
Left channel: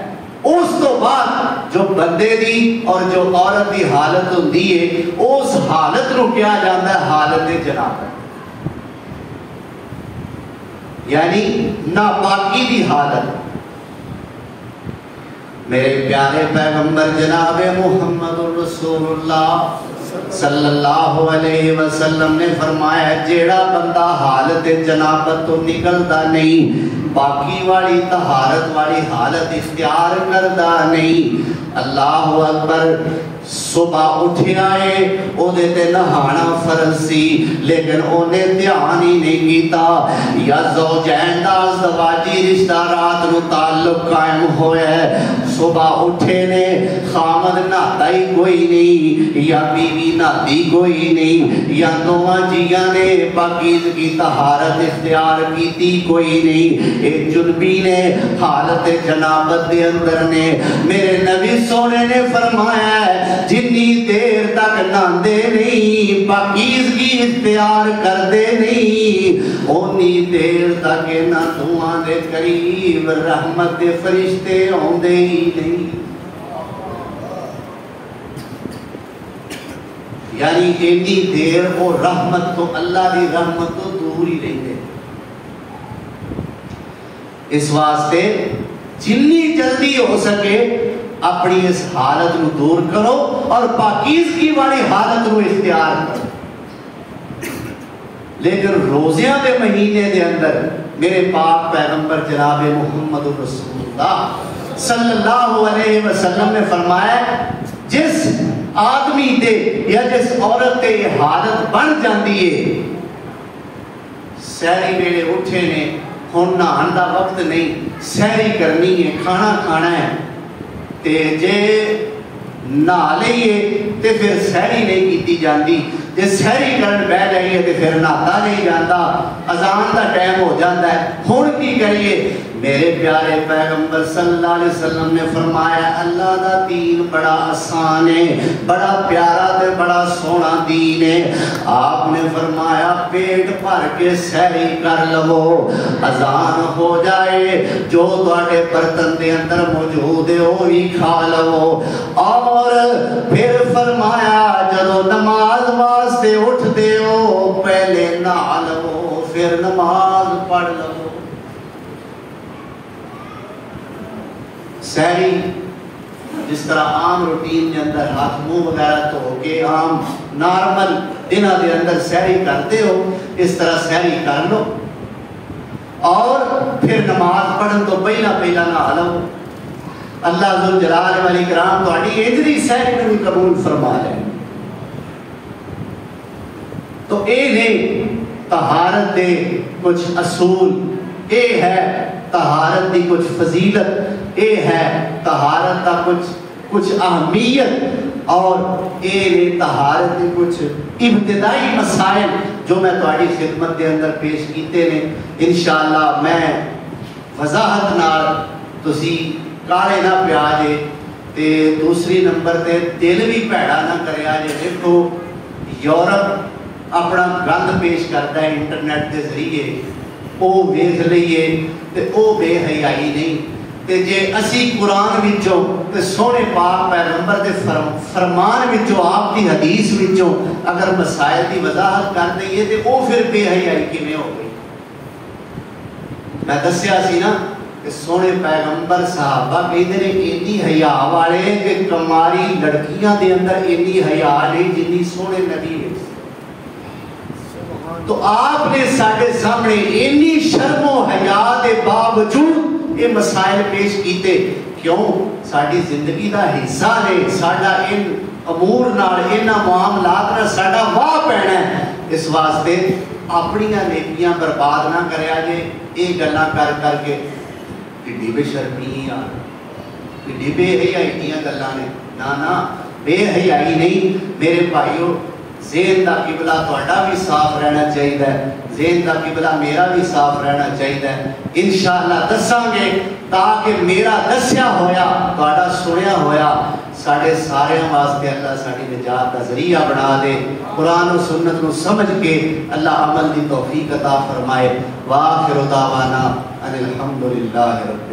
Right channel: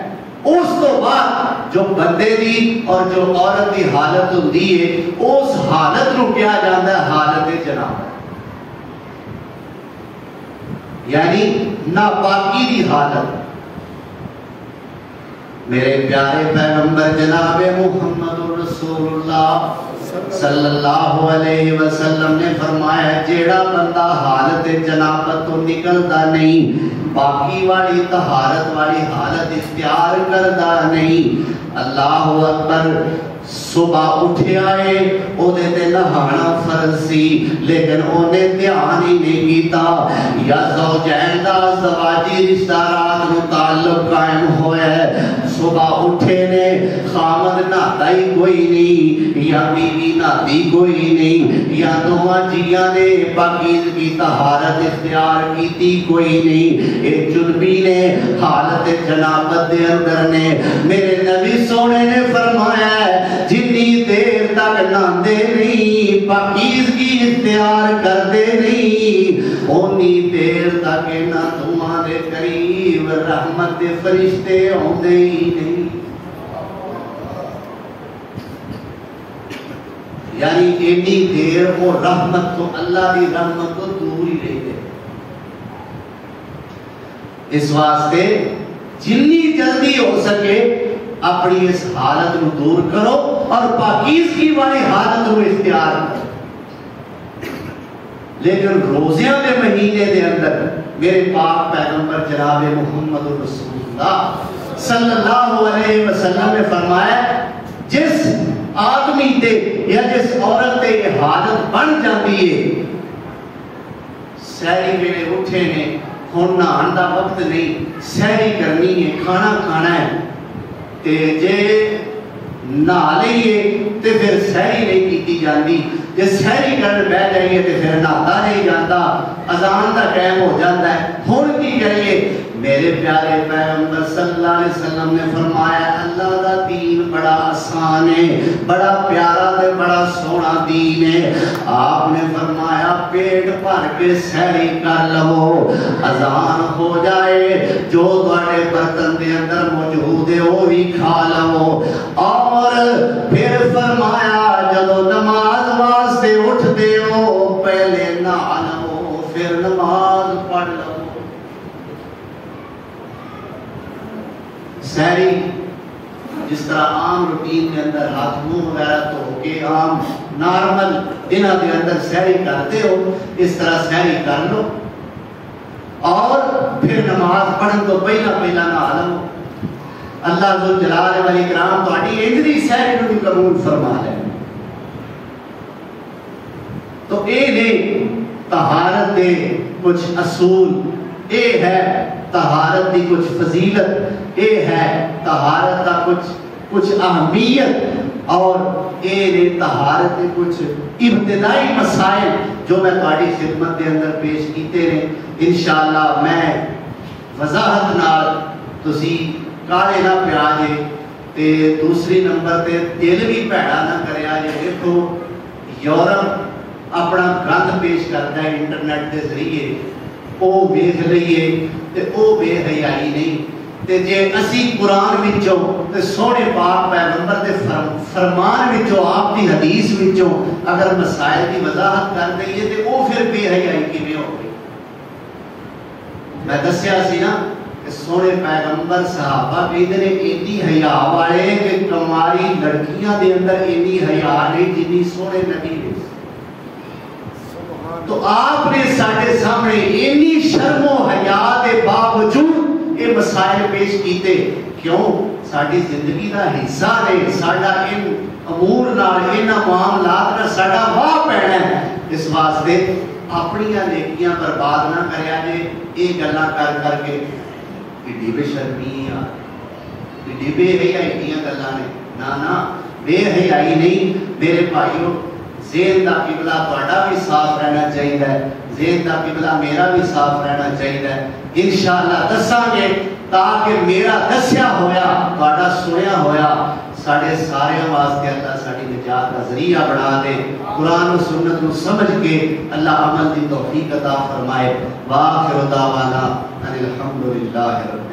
اس تو بعد جو بندے دی اور جو عورت دی حالت ہوندی ہے اس حالت نو کیا جاتا ہے حالت جنابت، یعنی ناپاکی دی حالت۔ میرے پیارے پیغمبر جناب محمد رسول اللہ صلی اللہ علیہ وسلم نے فرمایا جیڑا بندہ حالت جنابت تو نکلدا نہیں، باقی والی طہارت والی حالت اختیار کردا نہیں، اللہ اکبر، صبح اٹھیا ہے او دے تے نہانا فرض سی لیکن اونے دھیان ہی نہیں کیتا، یا زوجین دا ازدواجی رشتہ رات نو تعلق قائم ہویا ہے، صبح اٹھے نے خامد نہاتا ہی کوئی نہیں یا بیوی نہاتی کوئی نہیں یا دونوں جیاں نے پاکیزگی طہارت اختیار کیتی کوئی نہیں، ایک جنبی نے حالت جنابت دے اندر نے میرے نبی سونے نے فرمایا ہے جنی دیر تک نہاندے نہیں پاکیزگی اختیار کردے نہیں اونی دیر تک نہ دعاں دے قریب رحمت دے فرشتے ہوندے ہی نہیں، یعنی اتنی دیر وہ رحمت تو اللہ دی رحمت تو دور ہی رہتے۔ اس واسطے جنی جلدی ہو سکے اپنی اس حالت نو دور کرو اور پاکیزگی والی حالت نو اختیار کرو۔ لیکن روزیاں دے مہینے دے اندر میرے پاک پیغمبر جناب محمد رسول اللہ صلی اللہ علیہ وسلم نے فرمایا جس آدمی تے یا جس عورت تے یہ حالت بن جاندی ہے سہری ویلے اٹھے نے ہن نہان دا وقت نہیں سہری کرنی ہے کھانا کھانا ہے تے جے نہا لئیے تے پھر سہری نہیں کیتی جاندی، جے سہری کرن بہ جائیے تے پھر نہاتا نہیں جاندہ، اذان دا ٹائم ہو جاندہ ہے، ہن کی کریے؟ میرے پیارے پیغمبر صلی اللہ علیہ وسلم نے فرمایا اللہ دا دین بڑا آسان ہے، بڑا پیارا تے بڑا سونا دین ہے۔ آپ نے فرمایا پیٹ بھر کے سہری کر لو، اذان ہو جائے جو تواڈے برتن دے اندر موجود ہے وہ بھی کھا لو، اور پھر فرمایا جدو نماز واسطے اٹھ دے ہو پہلے نہا لو پھر نماز پڑھ لو۔ سہری جس طرح عام روٹین کے اندر ہاتھ منہ وغیرہ دھو کے عام نارمل دنوں کے اندر سہری کرتے ہو اس طرح سہری کر لو اور پھر نماز پڑھن تو پہلا نہا لو۔ اللہ ذوالجلال والاکرام تہاڈی انجری سہری نو بھی قبول فرما لے۔ تو اے نے طہارت دے کچھ اصول، اے ہے طہارت دی کچھ فضیلت، اے ہے طہارت دا کچھ اہمیت، اور اے نے طہارت دے کچھ ابتدائی مسائل جو میں تہاڈی خدمت دے اندر پیش کیتے نے۔ انشاءاللہ میں وضاحت نال تسی کالے نہ پیا جے تے دوسری نمبر تے دل بھی بھیڑا نہ کریا جے۔ دیکھو یورپ اپنا گند پیش کرتا ہے انٹرنیٹ کے ذریعے، او ویکھ لئیے تے او بے حیائی نہیں، تے جے اسی قرآن وچوں تے سونے پاک پیغمبر دے فرمان وچوں آپ کی حدیث وچوں اگر مسائل دی وضاحت کر دئیے تے او پھر بے حیائی کیویں ہو گئی؟ میں دسیا سی نا کہ سونے پیغمبر صحابہ کہتے ہیں اتنی حیا والے کہ کماری لڑکیاں دے اندر اتنی حیا نہیں جتنی سونے نبی نے۔ تو آپ نے ساڈے سامنے اتنی شرم و حیا کے باوجود یہ مسائل پیش کیتے، کیوں؟ ساری زندگی کا حصہ نے، ساڈا ان امور نال ان معاملات نال ساڈا واہ پینا ہے۔ اس واسطے اپنی نیکیاں برباد نہ کریا جے یہ گلاں کر کے کڈی بے شرمی آ کڈی بے حیائی دیاں گلاں نے۔ نا بے حیائی نہیں میرے بھائیو، ذہن دا قبلہ تہاڈا بھی صاف رہنا چاہیے، ذہن دا قبلہ میرا بھی صاف رہنا چاہیے۔ انشاءاللہ دساں گے تاکہ میرا دسیا ہویا تہاڈا سنیا ہویا ساڈے سارے واسطے اللہ ساڈی نجات کا ذریعہ بنا دے۔ قرآن و سنت کو سمجھ کے اللہ عمل دی توفیق عطا فرمائے۔ وآخر دعوانا ان الحمدللہ رب